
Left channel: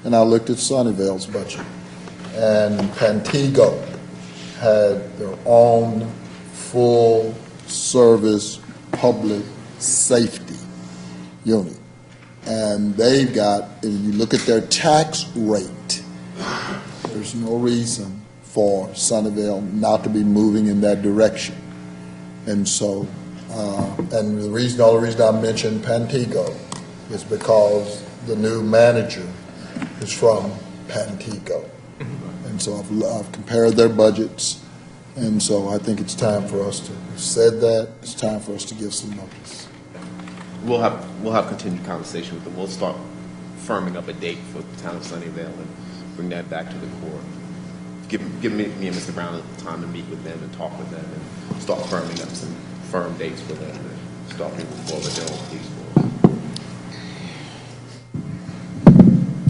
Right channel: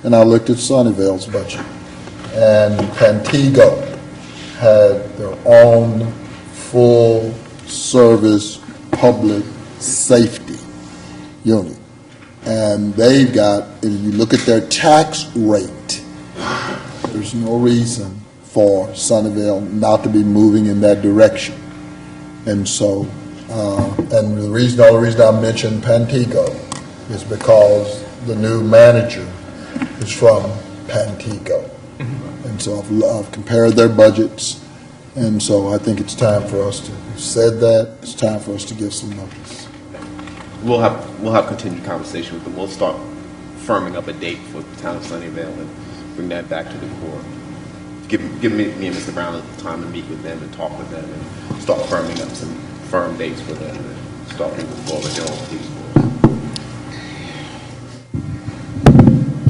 and I looked at Sunnyvale's budget. And Pantego had their own full-service public safety unit. And they've got, if you look at their tax rate, there's no reason for Sunnyvale not to be moving in that direction. And so, and the only reason I mentioned Pantego is because the new manager is from Pantego. And so I've compared their budgets, and so I think it's time for us to, we've said that, it's time for us to give some notice. We'll have continued conversation with them. We'll start firming up a date for the Town of Sunnyvale and bring that back to the court. give me and Mr. Brown the time to meet with them and talk with them and start firming up some firm dates for them to start moving forward their own police force.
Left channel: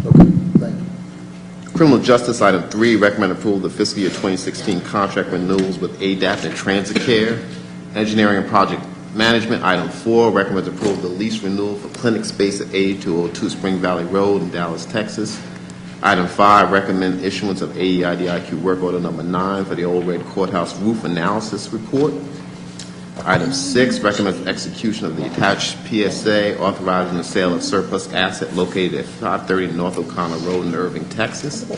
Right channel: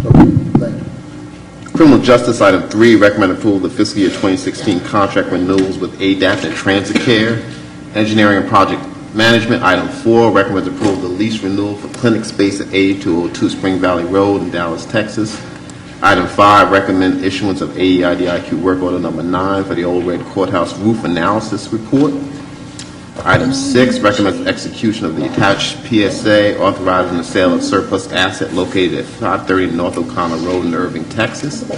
Okay, thank you. Criminal Justice, item 3, recommend approval of the fiscal year 2016 contract renewals with ADAPT and Transit Care. Engineering and Project Management, item 4, recommends approval of the lease renewal for clinic space at 8202 Spring Valley Road in Dallas, Texas. Item 5, recommend issuance of AEIDIQ work order number 9 for the Old Red Courthouse roof analysis report. Item 6, recommends execution of the attached PSA authorizing the sale of surplus asset located at 530 North O'Connor Road in Irving, Texas.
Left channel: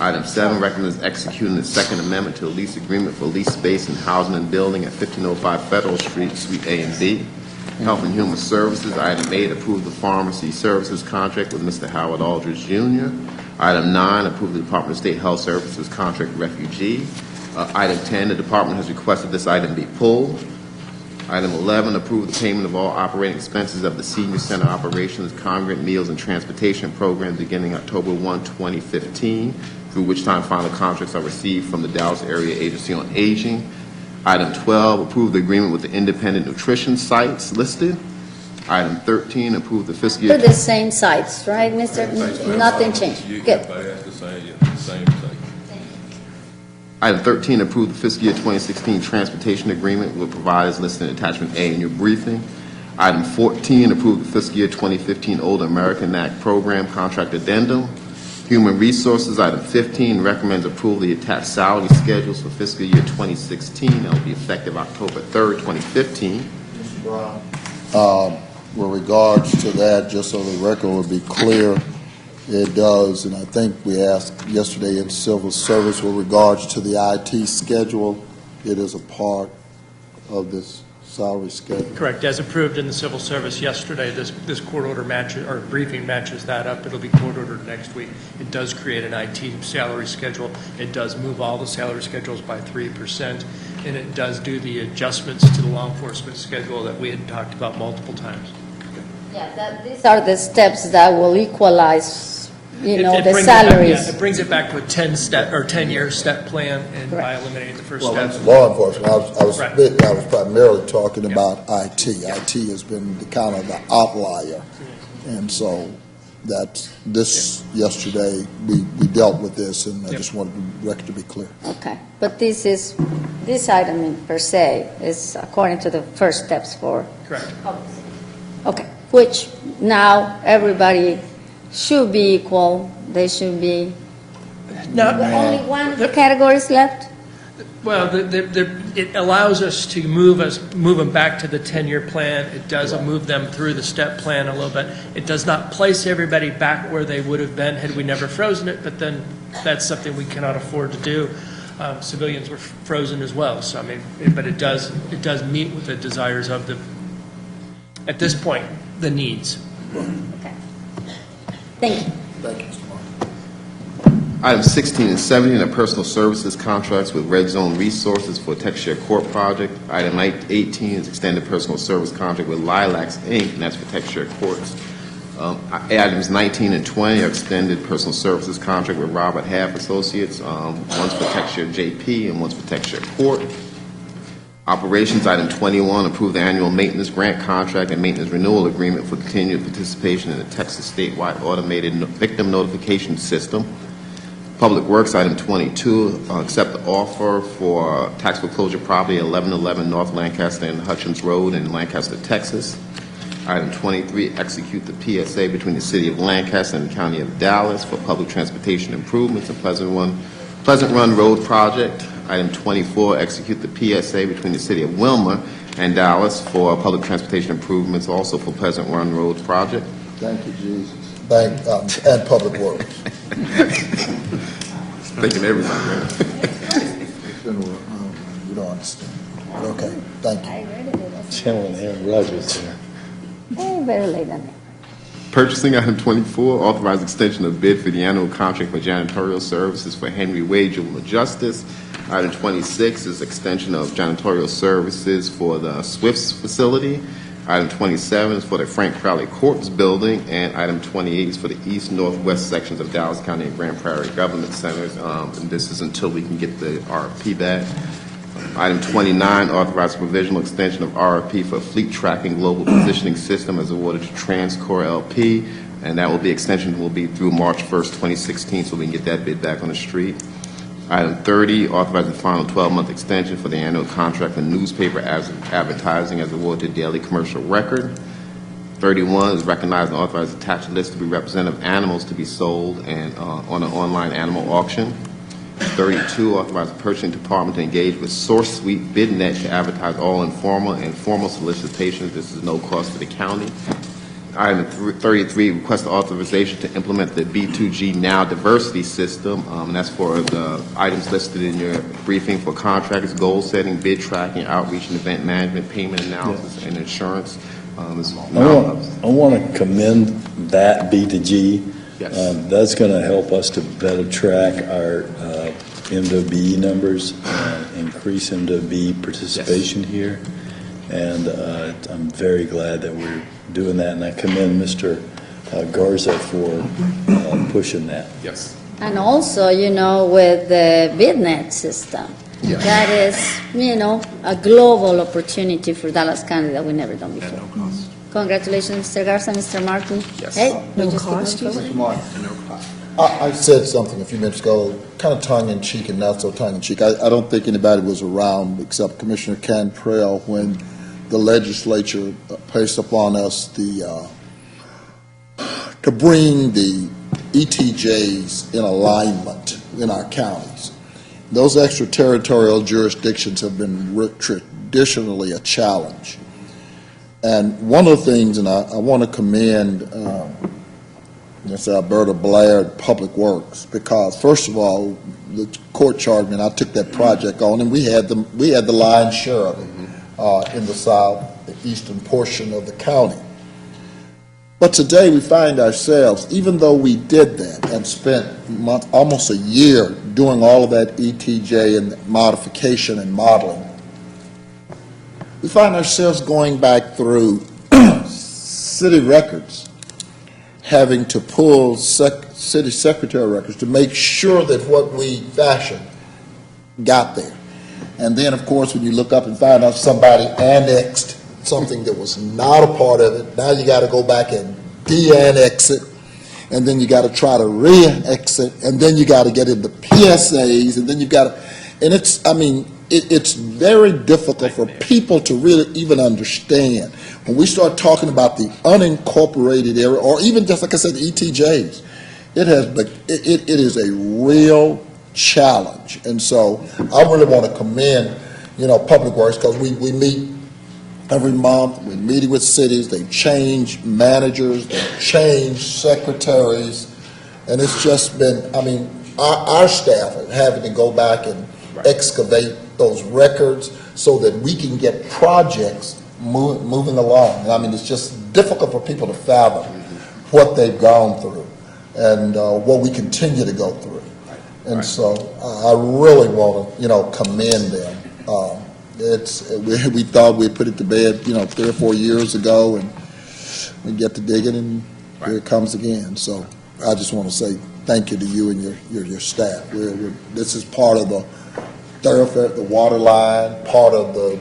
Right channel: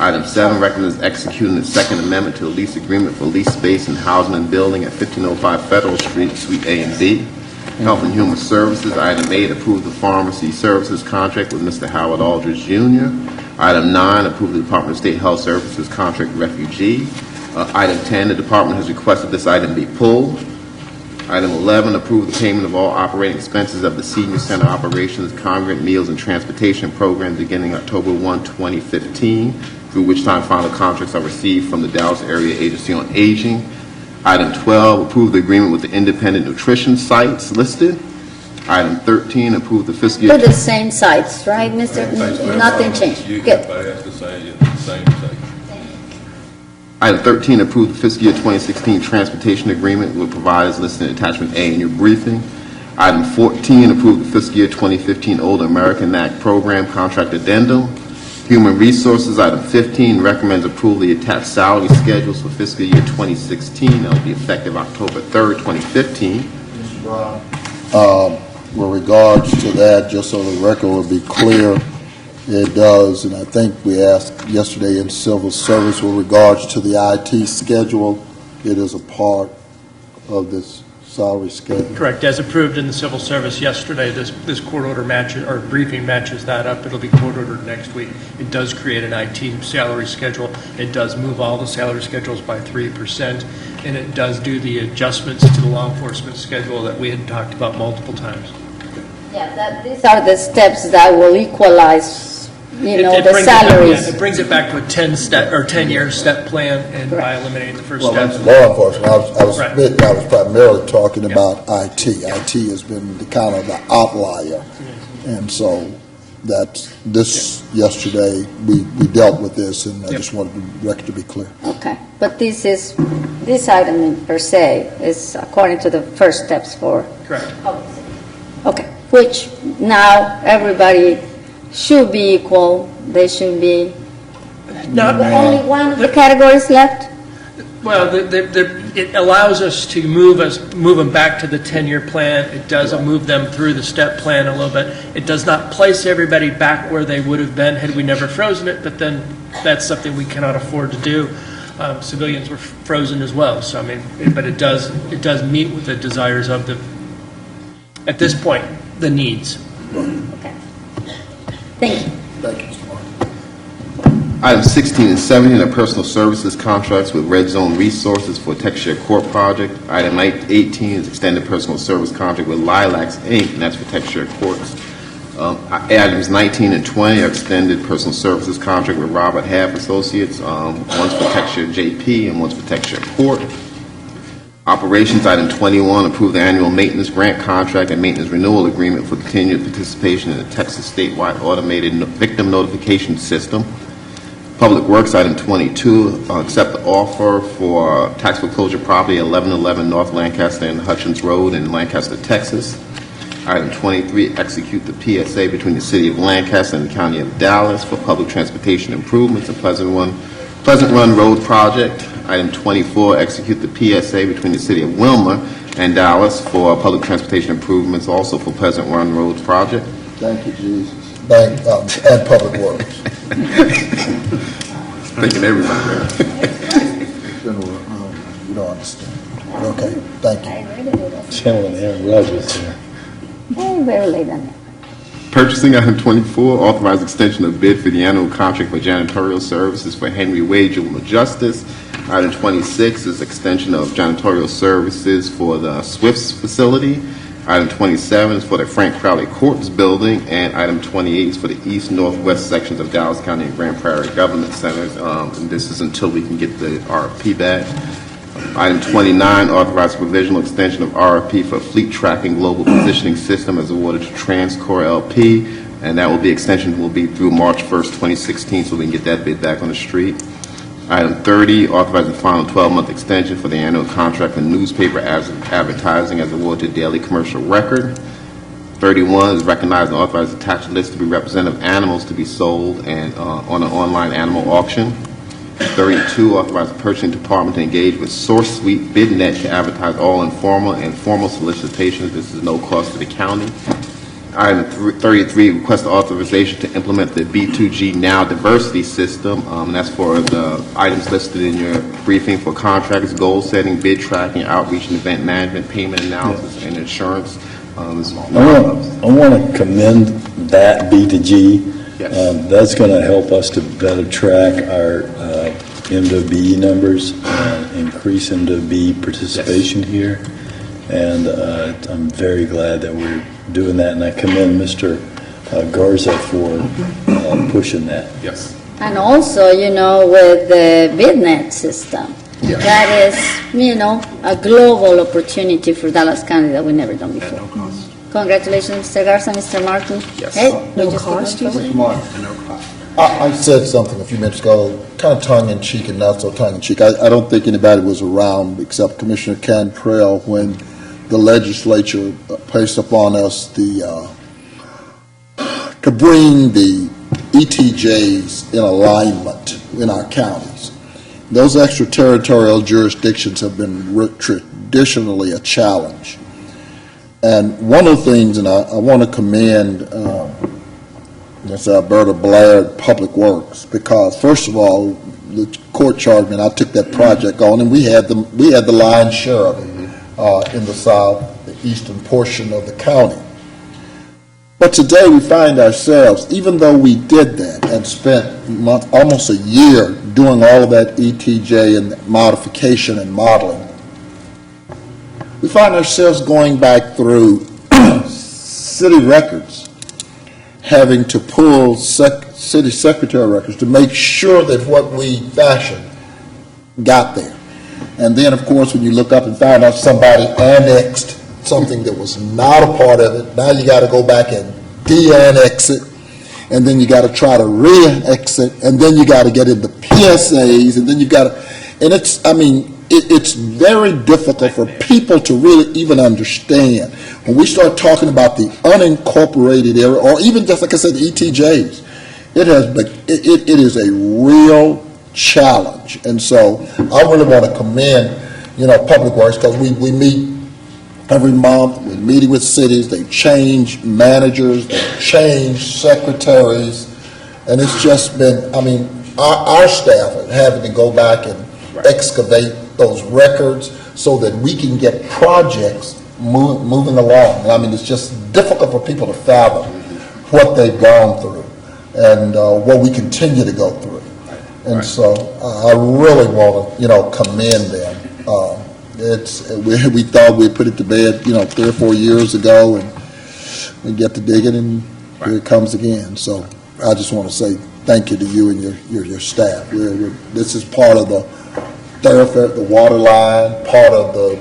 Item 7, recommends executing the Second Amendment to the lease agreement for lease space and housing and building at 1505 Federal Street, Suite A and B. Health and Human Services, item 8, approve the pharmacy services contract with Mr. Howard Aldridge Jr. Item 9, approve the Department of State Health Services contract with refugee. Item 10, the department has requested this item be pulled. Item 11, approve the payment of all operating expenses of the Senior Center Operations Congregate Meals and Transportation Program beginning October 1, 2015, through which time final contracts are received from the Dallas Area Agency on Aging. Item 12, approve the agreement with the independent nutrition sites listed. Item 13, approve the fiscal year... They're the same sites, right, Mr.? Nothing changed. Good. That's the same thing. Item 13, approve the fiscal year 2016 transportation agreement with providers listed in attachment A in your briefing. Item 14, approve the fiscal year 2015 Older American Act program contract addendum. Human Resources, item 15, recommends approval of the attached salary schedules for fiscal year 2016. That will be effective October 3rd, 2015. Mr. Brown. With regards to that, just so the record will be clear, it does, and I think we asked yesterday in civil service with regards to the IT schedule, it is a part of this salary schedule. Correct. As approved in the civil service yesterday, this court order matches, or briefing matches that up. It'll be court ordered next week. It does create an IT salary schedule. It does move all the salary schedules by 3%, and it does do the adjustments to the law enforcement schedule that we had talked about multiple times. Yeah, these are the steps that will equalize, the brings salaries. It brings it back to a 10-year step plan, and by eliminating the first Well, step. that's law enforcement. I was Right. primarily talking about IT. IT has been the kind of the outlier. And so yesterday, we dealt with this, and I just wanted the record to be clear. Okay, but this item per se is according to the first steps for... Correct. Okay, which now everybody should be equal. They should be... Only one of the categories left? Well, it allows us to move them back to the 10-year plan. It does move them through the step plan a little bit. It does not place everybody back where they would have been had we never frozen it, but then that's something we cannot afford to do. Civilians were frozen as well, so but it does meet with the desires of at this point, the needs. Okay. Thank you. Thank you, Mr. Martin. Items 16 and 17 are personal services contracts with Red Zone Resources for Texture Court project. Item 18 is extended personal service contract with Lilacs, Inc., and that's for Texture Courts. Items 19 and 20 are extended personal services contract with Robert Half Associates. One's for Texture JP and one's for Texture Court. Operations, item 21, approve the annual maintenance grant contract and maintenance renewal agreement for continued participation in the Texas statewide automated victim notification system. Public Works, item 22, accept the offer for tax foreclosure property at 1111 North Lancaster and Hutchins Road in Lancaster, Texas. Item 23, execute the PSA between the City of Lancaster and the County of Dallas for public transportation improvements in Pleasant Run Road project. Item 24, execute the PSA between the City of Wilmer and Dallas for public transportation improvements, also for Pleasant Run Road project. Thank you, Jesus. And Public Works. Thanking everybody. You don't understand. Okay, thank you. I really do that. Channeling Aaron Rodgers here. Very late on that. Purchasing, item 24, authorized extension of bid for the annual contract for janitorial services for Henry Wade Juvenile Justice. Item 26 is extension of janitorial services for the Swifts facility. Item 27 is for the Frank Crowley Courts Building, and item 28 is for the east-northwest sections of Dallas County and Grand Prairie Government Centers. And this is until we can get the RFP back. Item 29, authorize provisional extension of RFP for Fleet Tracking Global Positioning System as awarded to Transcore LP, and that extension will be through March 1st, 2016, so we can get that bid back on the street. Item 30, authorize the final 12-month extension for the annual contract for newspaper advertising as awarded to Daily Commercial Record. 31 is recognize and authorize attached list to be representative animals to be sold and on an online animal auction. 32, authorize the purchasing department to engage with SourceSuite BidNet to advertise all informal and formal solicitations. This is no cost to the county. Item 33, request authorization to implement the B2G Now Diversity System. That's for the items listed in your briefing for contracts, goal setting, bid tracking, outreach and event management, payment analysis, and insurance. I want to commend that B2G. Yes. That's going to help us to better track our M2B numbers, increase M2B participation here. And I'm very glad that we're doing that, and I commend Mr. Garza for pushing that. Yes. And also, with the BidNet system, that is, a global opportunity for Dallas County that we've never done before. Congratulations, Mr. Garza, Mr. Martin. Yes. Hey, No cost, you said? Mr. Martin, I said something a few minutes ago, kind of tongue-in-cheek and not so tongue-in-cheek. I don't think anybody was around except Commissioner Cantrell when the legislature placed upon us to bring the ETJs in alignment in our counties. Those extraterritorial jurisdictions have been traditionally a challenge. And one of the things, and I want to commend Ms. Alberta Blair, Public Works, because first of all, the court charged me, and I took that project on, and we had the lion's share of it in the south, the eastern portion of the county. But today we find ourselves, even though we did that and spent almost a year doing all of that ETJ and modification and modeling, we find ourselves going back through city records, having to pull city secretary records to make sure that what we fashioned got there. And then, of course, when you look up and find out somebody annexed something that was not a part of it, now you got to go back and de-annex it, and then you got to try to re-annex it, and then you got to get into PSAs, and then you got to, and it's very difficult for people to really even understand. When we start talking about the unincorporated area, or even just like I said, the ETJs, it is a real challenge. And so I really want to commend, Public Works, because we meet every month. We're meeting with cities. They change managers, they change secretaries, and it's just been, our staff are having to go back and excavate those records so that we can get projects moving along. It's just difficult for people to fathom what they've gone through and what we continue to go through. And so I really want to commend them. We thought we'd put it to bed 3 or 4 years ago, and we get to digging, and here it comes again. So I just want to say thank you to you and your staff. This is part of the thoroughfare, the water line, part of the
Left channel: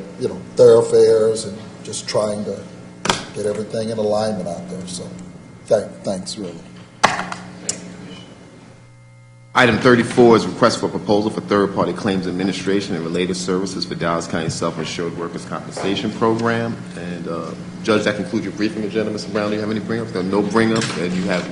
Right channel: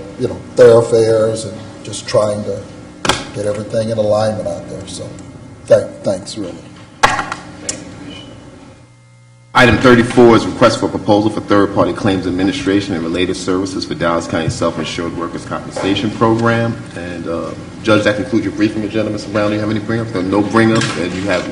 thoroughfares, and just trying to get everything in alignment out there. So thanks, really. Item 34 is request for proposal for third-party claims administration and related services for Dallas County Self-Insured Workers' Compensation Program. And Judge, that concludes your briefing agenda. Mr. Brown, do you have any bring-ups? No bring-ups, and you have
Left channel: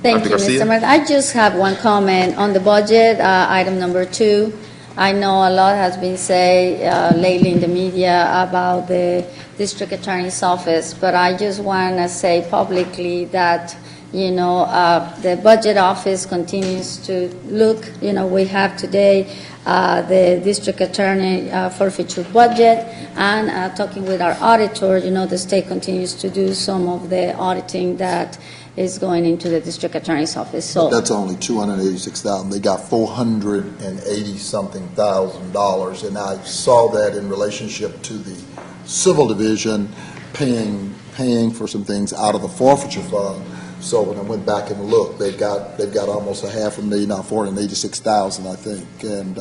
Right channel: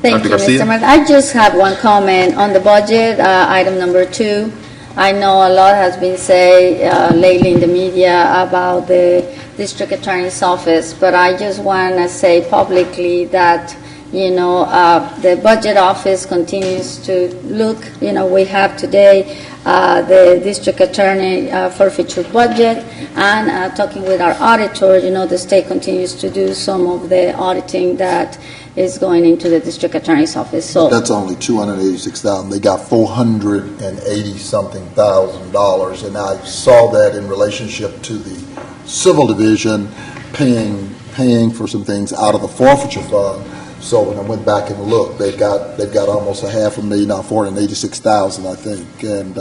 Thank Dr. you, Garcia? Mr. Martin. I just have one comment on the budget, item number 2. I know a lot has been said lately in the media about the district attorney's office, but I just want to say publicly that the budget office continues to look. We have today the district attorney forfeiture budget, and talking with our auditor, the state continues to do some of the auditing that is going into the district attorney's office. So that's only $286,000. They got $480-something thousand, and I saw that in relationship to the civil division. paying for some things out of the forfeiture fund. So when I went back and looked, they've got almost $500,000, now $486,000, I think, and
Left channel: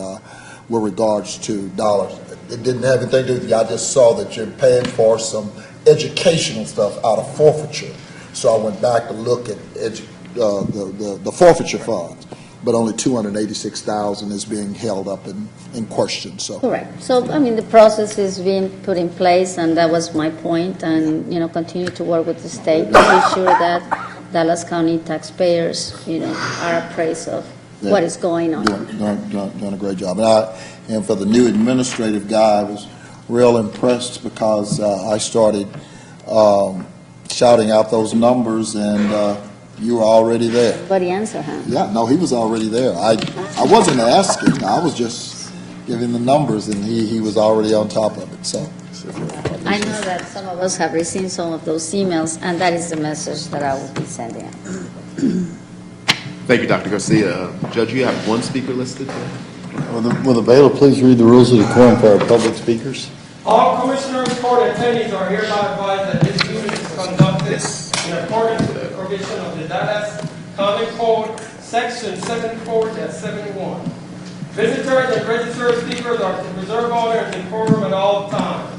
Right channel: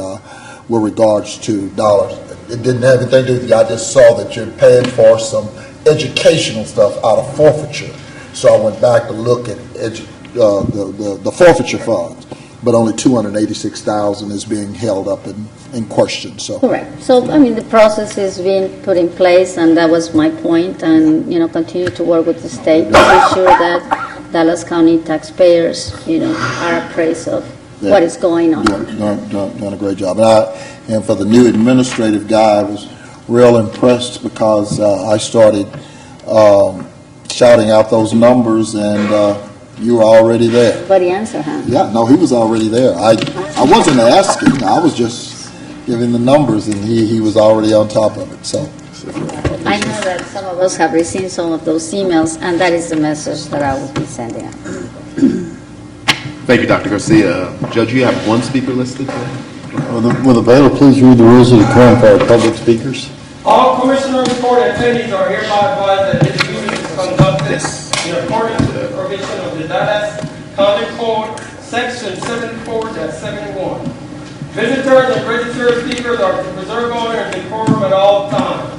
with regards to dollars. It didn't have anything to do with it. I just saw that you're paying for some educational stuff out of forfeiture. So I went back to look at the forfeiture funds, but only $286,000 is being held up in question. So Correct. So, I mean, the process is being put in place, and that was my point, and, continue to work with the state to be sure that Dallas County taxpayers, are appraised of what is going on. Doing a great job. And for the new administrative guy, I was real impressed because I started shouting out those numbers, and you were already there. But the answer, huh? Yeah, no, he was already there. I wasn't asking. I was just giving the numbers, and he was already on top of it. So I know that some of us have received some of those emails, and that is the message that I will be sending out. Thank you, Dr. Garcia. Judge, you have one speaker listed today. Will the bailiff please read the rules of decorum for our public speakers? All commissioners' court attendees are hereby advised that this meeting is conducted in accordance with the provision of the Dallas County Code, Section 74-71. Visitors and registered speakers are to preserve order and decorum at all times.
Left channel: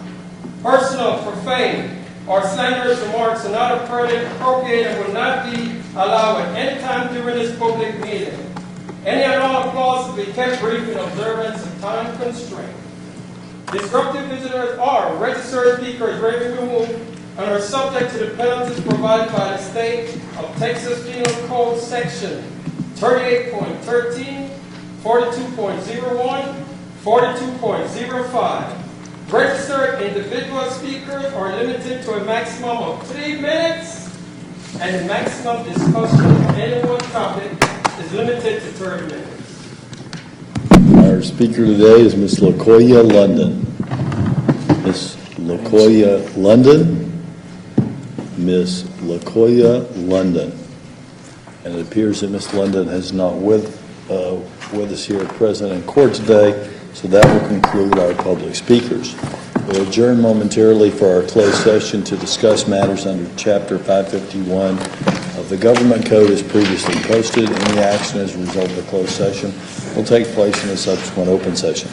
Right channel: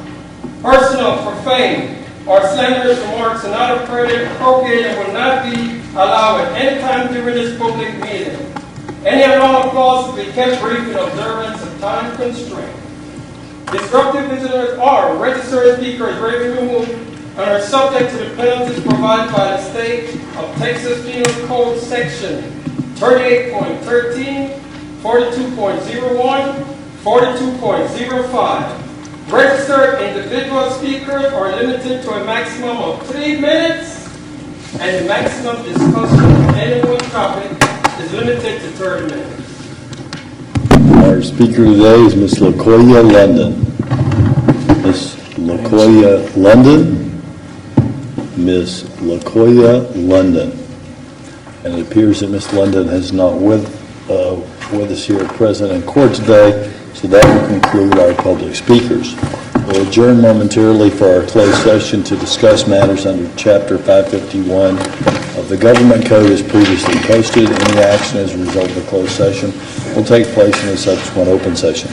Personal, profane, or slanderous remarks are not appropriate and will not be allowed at any time during this public meeting. Any and all applause will be kept brief in observance of time constraint. Disruptive visitors or registered speakers may be removed and are subject to the penalties provided by the state of Texas Penal Code Section 38.13, 42.01, 42.05. Registered individual speakers are limited to a maximum of 3 minutes, and the maximum discussion of any one topic is limited to 30 minutes. Our speaker today is Ms. LaKoya London. Ms. LaKoya London. Ms. LaKoya London. And it appears that Ms. London is not with us here present in court today, so that will conclude our public speakers. We'll adjourn momentarily for our closed session to discuss matters under Chapter 551 of the Government Code as previously posted. Any action as a result of the closed session will take place in a subsequent open session.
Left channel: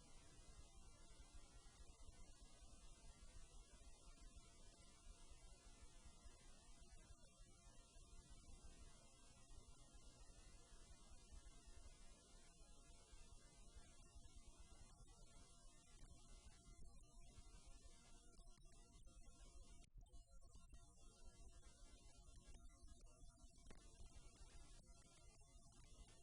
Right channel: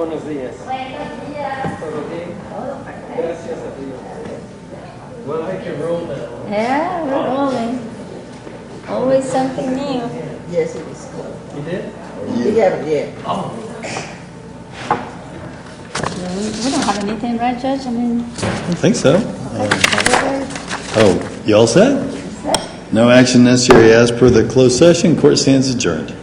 Buenos días. ¿Todo bien? Gracias a Dios. Well, I can roll now. Yeah, we're rolling. Always something new. Yes, it is. You did? You haven't yet. We don't have anything, right, Judge? I mean, I think so. whatever. Oh, you all set? No action necessary as per the closed session. Court stands adjourned.